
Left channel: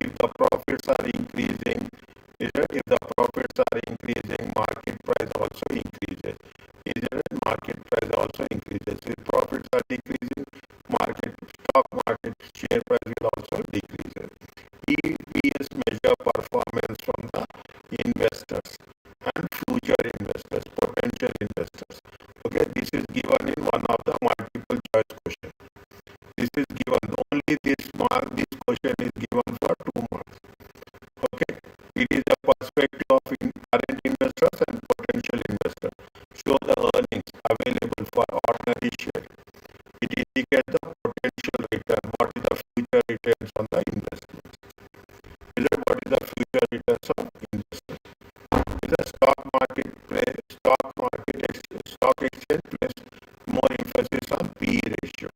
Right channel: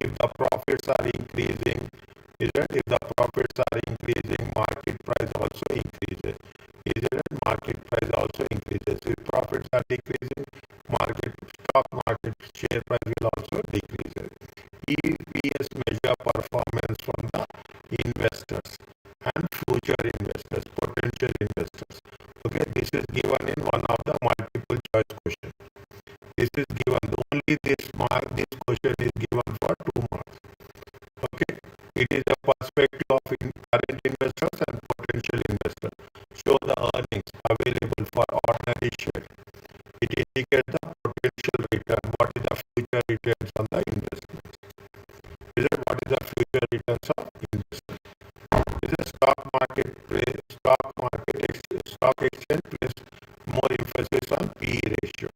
if the profits are increasing, is it, if the profits are increasing, market price also increases, is it right? Market price also increases. If profits are decreasing, stock market share price will also decrease. EPS measure performance from the investors and future investors, potential investors. Okay, this is given in one of the multiple choice question. This is given, only this question is given for 2 marks. Okay, it is a perspective of current investors and potential investors. Show the earnings available for ordinary share. It indicates the potential return. What is the future returns on the investment? Is it what is the future returns on investment? Is a stock market stock exchange place more emphasis on P/E ratio,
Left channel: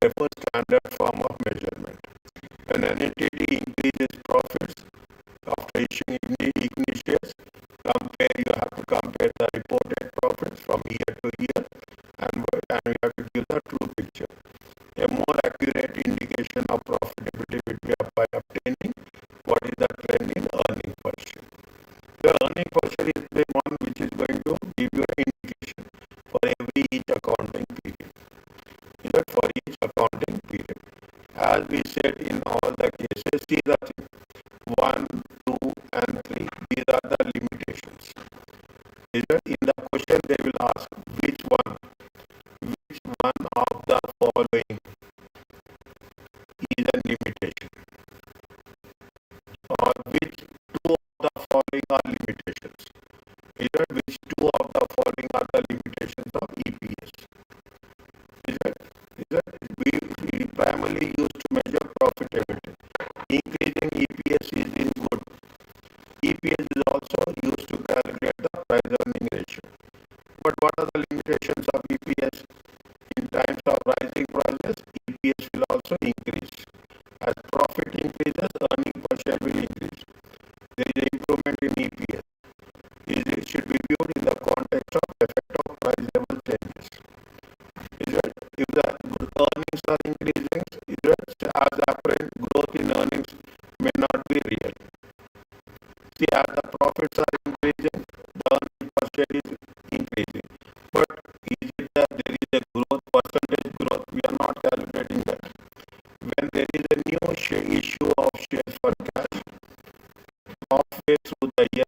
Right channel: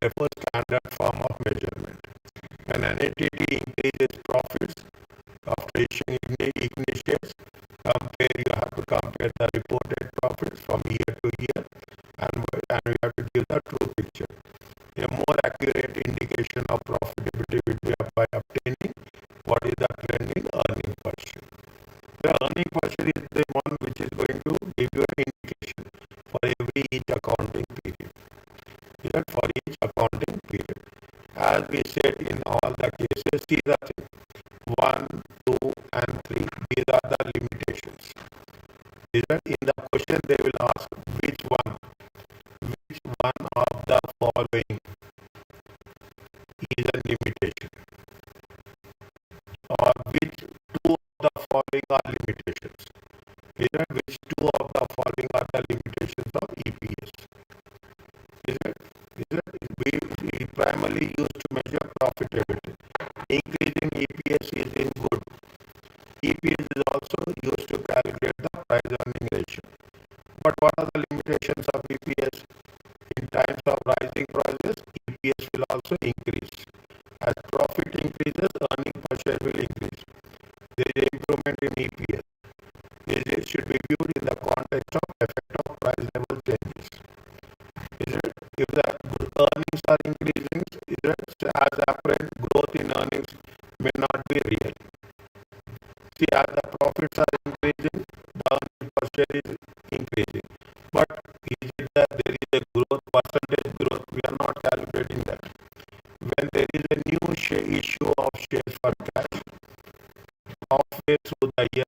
therefore standard form of measurement. When an entity increases profits after issuing equity shares, you have to compare the reported profits from year to year, and we have to give the true picture. A more accurate indication of profitability will be by obtaining what is the trend in earning per share. The earning per share is the one which is going to give you an indication for each accounting period. Is that for each accounting period? As we said in all the cases, see the thing. 1, 2, and 3. These are the limitations. Is that in the question they will ask which one of the following is a limitation, or which two of the following are limitations. Is that which two of the following are the limitations of EPS? Is that we primarily use to measure profitability. Increasing EPS is in good. EPS is also used to calculate the price earning ratio. But what are the limitations of EPS? In times of rising prices, EPS will also increase. As profit increases, earning per share will increase. There is an improvement in EPS. It should be viewed in the context of effect of price level changes. Is it? If the earnings are increasing, is it, as apparent growth in earnings may not be real. See, as the profits are increasing, the earning per share is increasing. But is it that there is a growth, percentage growth? We are not calculating that. When there is a new issue of shares for cash, halfway through the year,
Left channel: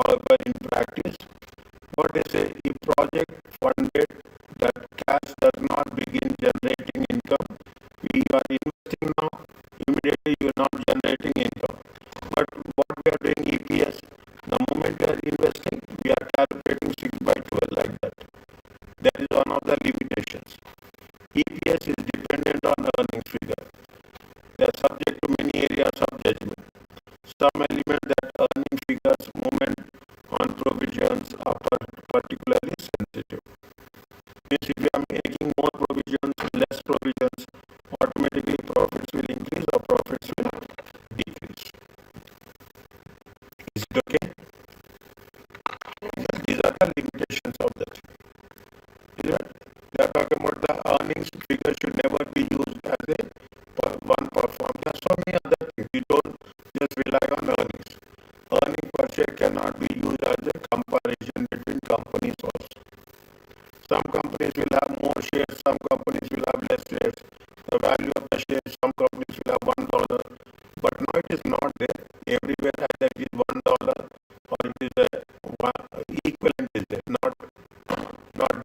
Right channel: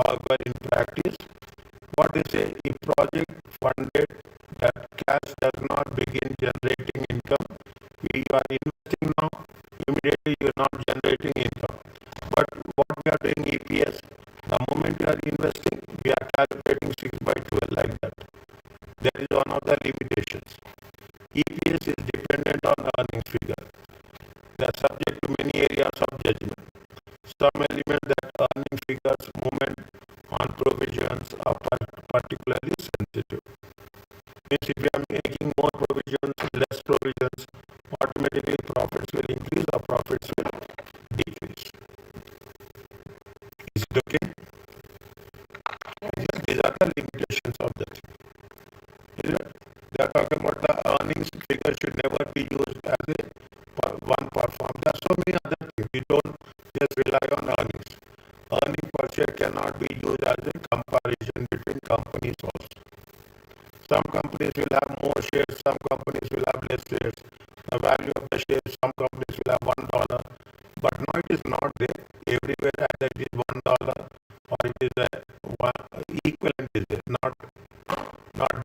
However, in practice, what they say, if project funded, that cash does not begin generating income. You are investing now, immediately you are not generating income. But what we are doing EPS, the moment you are investing, we are calculating 6 by 12 like that. That is one of the limitations. EPS is dependent on the earnings figure. They are subject to many areas of judgment. Some element that earning figures movement on provisions are particularly sensitive. Means if you are making more provisions, less provisions, automatically profits will increase or profits will decrease. Is it okay? These are the limitations of that. They are talking about the earnings figure should never be used as a one perform. There are so many other things. You don't just rely on earnings. Earning per share cannot be used as a comparison between companies also. Some companies will have more shares, some companies will have less shares. The value of the shares, some companies will have $1, but now it is not there. Everywhere either it is $1 or it is a equivalent is there, not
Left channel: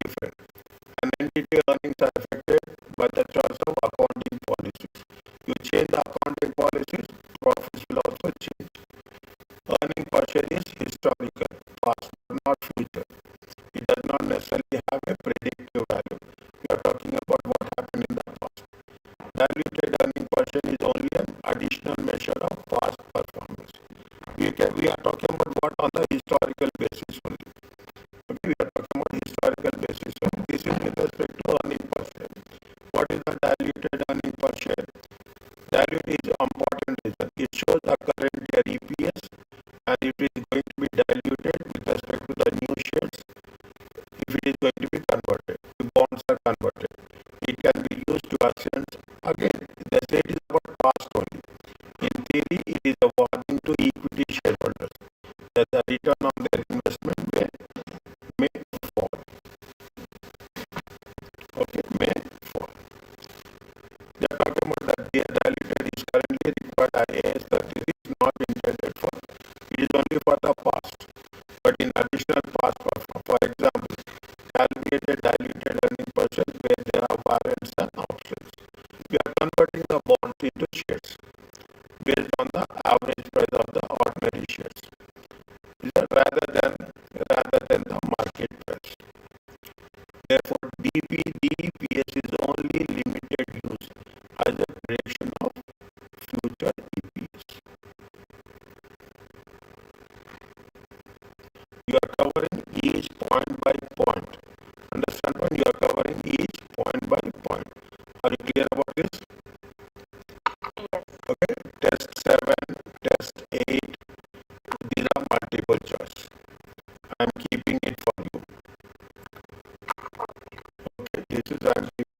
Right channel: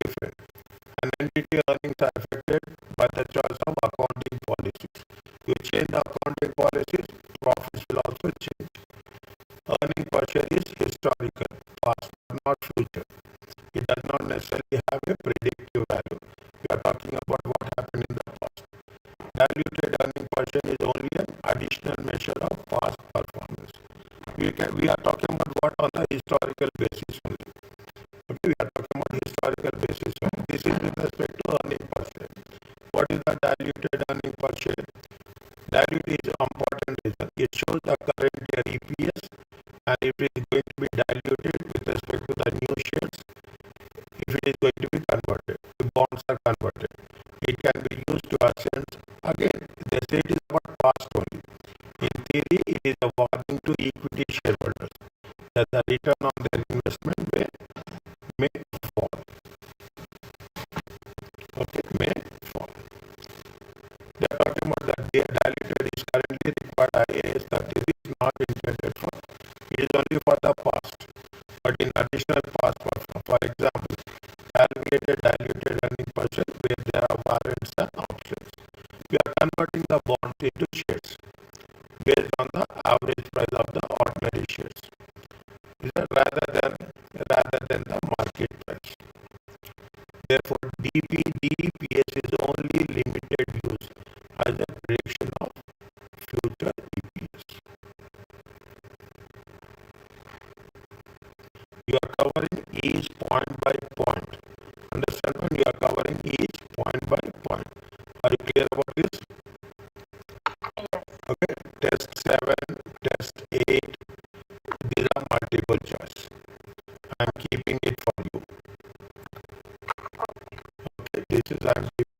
different. And entity earnings are affected by the choice of accounting policies. You change the accounting policies, profits will also change. Earning per share is historical, past, but not future. It does not necessarily have a predictive value. We are talking about what happened in the past. Diluted earning per share is only an additional measure of past performance. We are talking about what on the historical basis only. Okay, we are talking about historical basis. So this is with respect to earning per share. What is the diluted earning per share? Dilute is an important reason. It shows the current year EPS and it is going to be diluted with respect to the new shares if it is going to be converted. The bonds are converted. It can be used to assess. Again, the state is about past only. In theory, it is a warning to equity shareholders that the return on their investment may fall. Okay, may fall. They are talking about that diluted is currently required IAS 30 is not intended for. It is only for the past. But in additional past performance, for example, calculated diluted earning per share where there are warrants and options. We are converting the bonds into shares based on the average price of the ordinary shares. Rather than the market price. Therefore, DPS is only limited use as a prediction of future EPS. You are covering each point by point. Understand when you are covering each point by point. Are you clear about this? Okay. Test 7, test 8. These are multiple choice. I am keeping it for you. Okay. This is answer.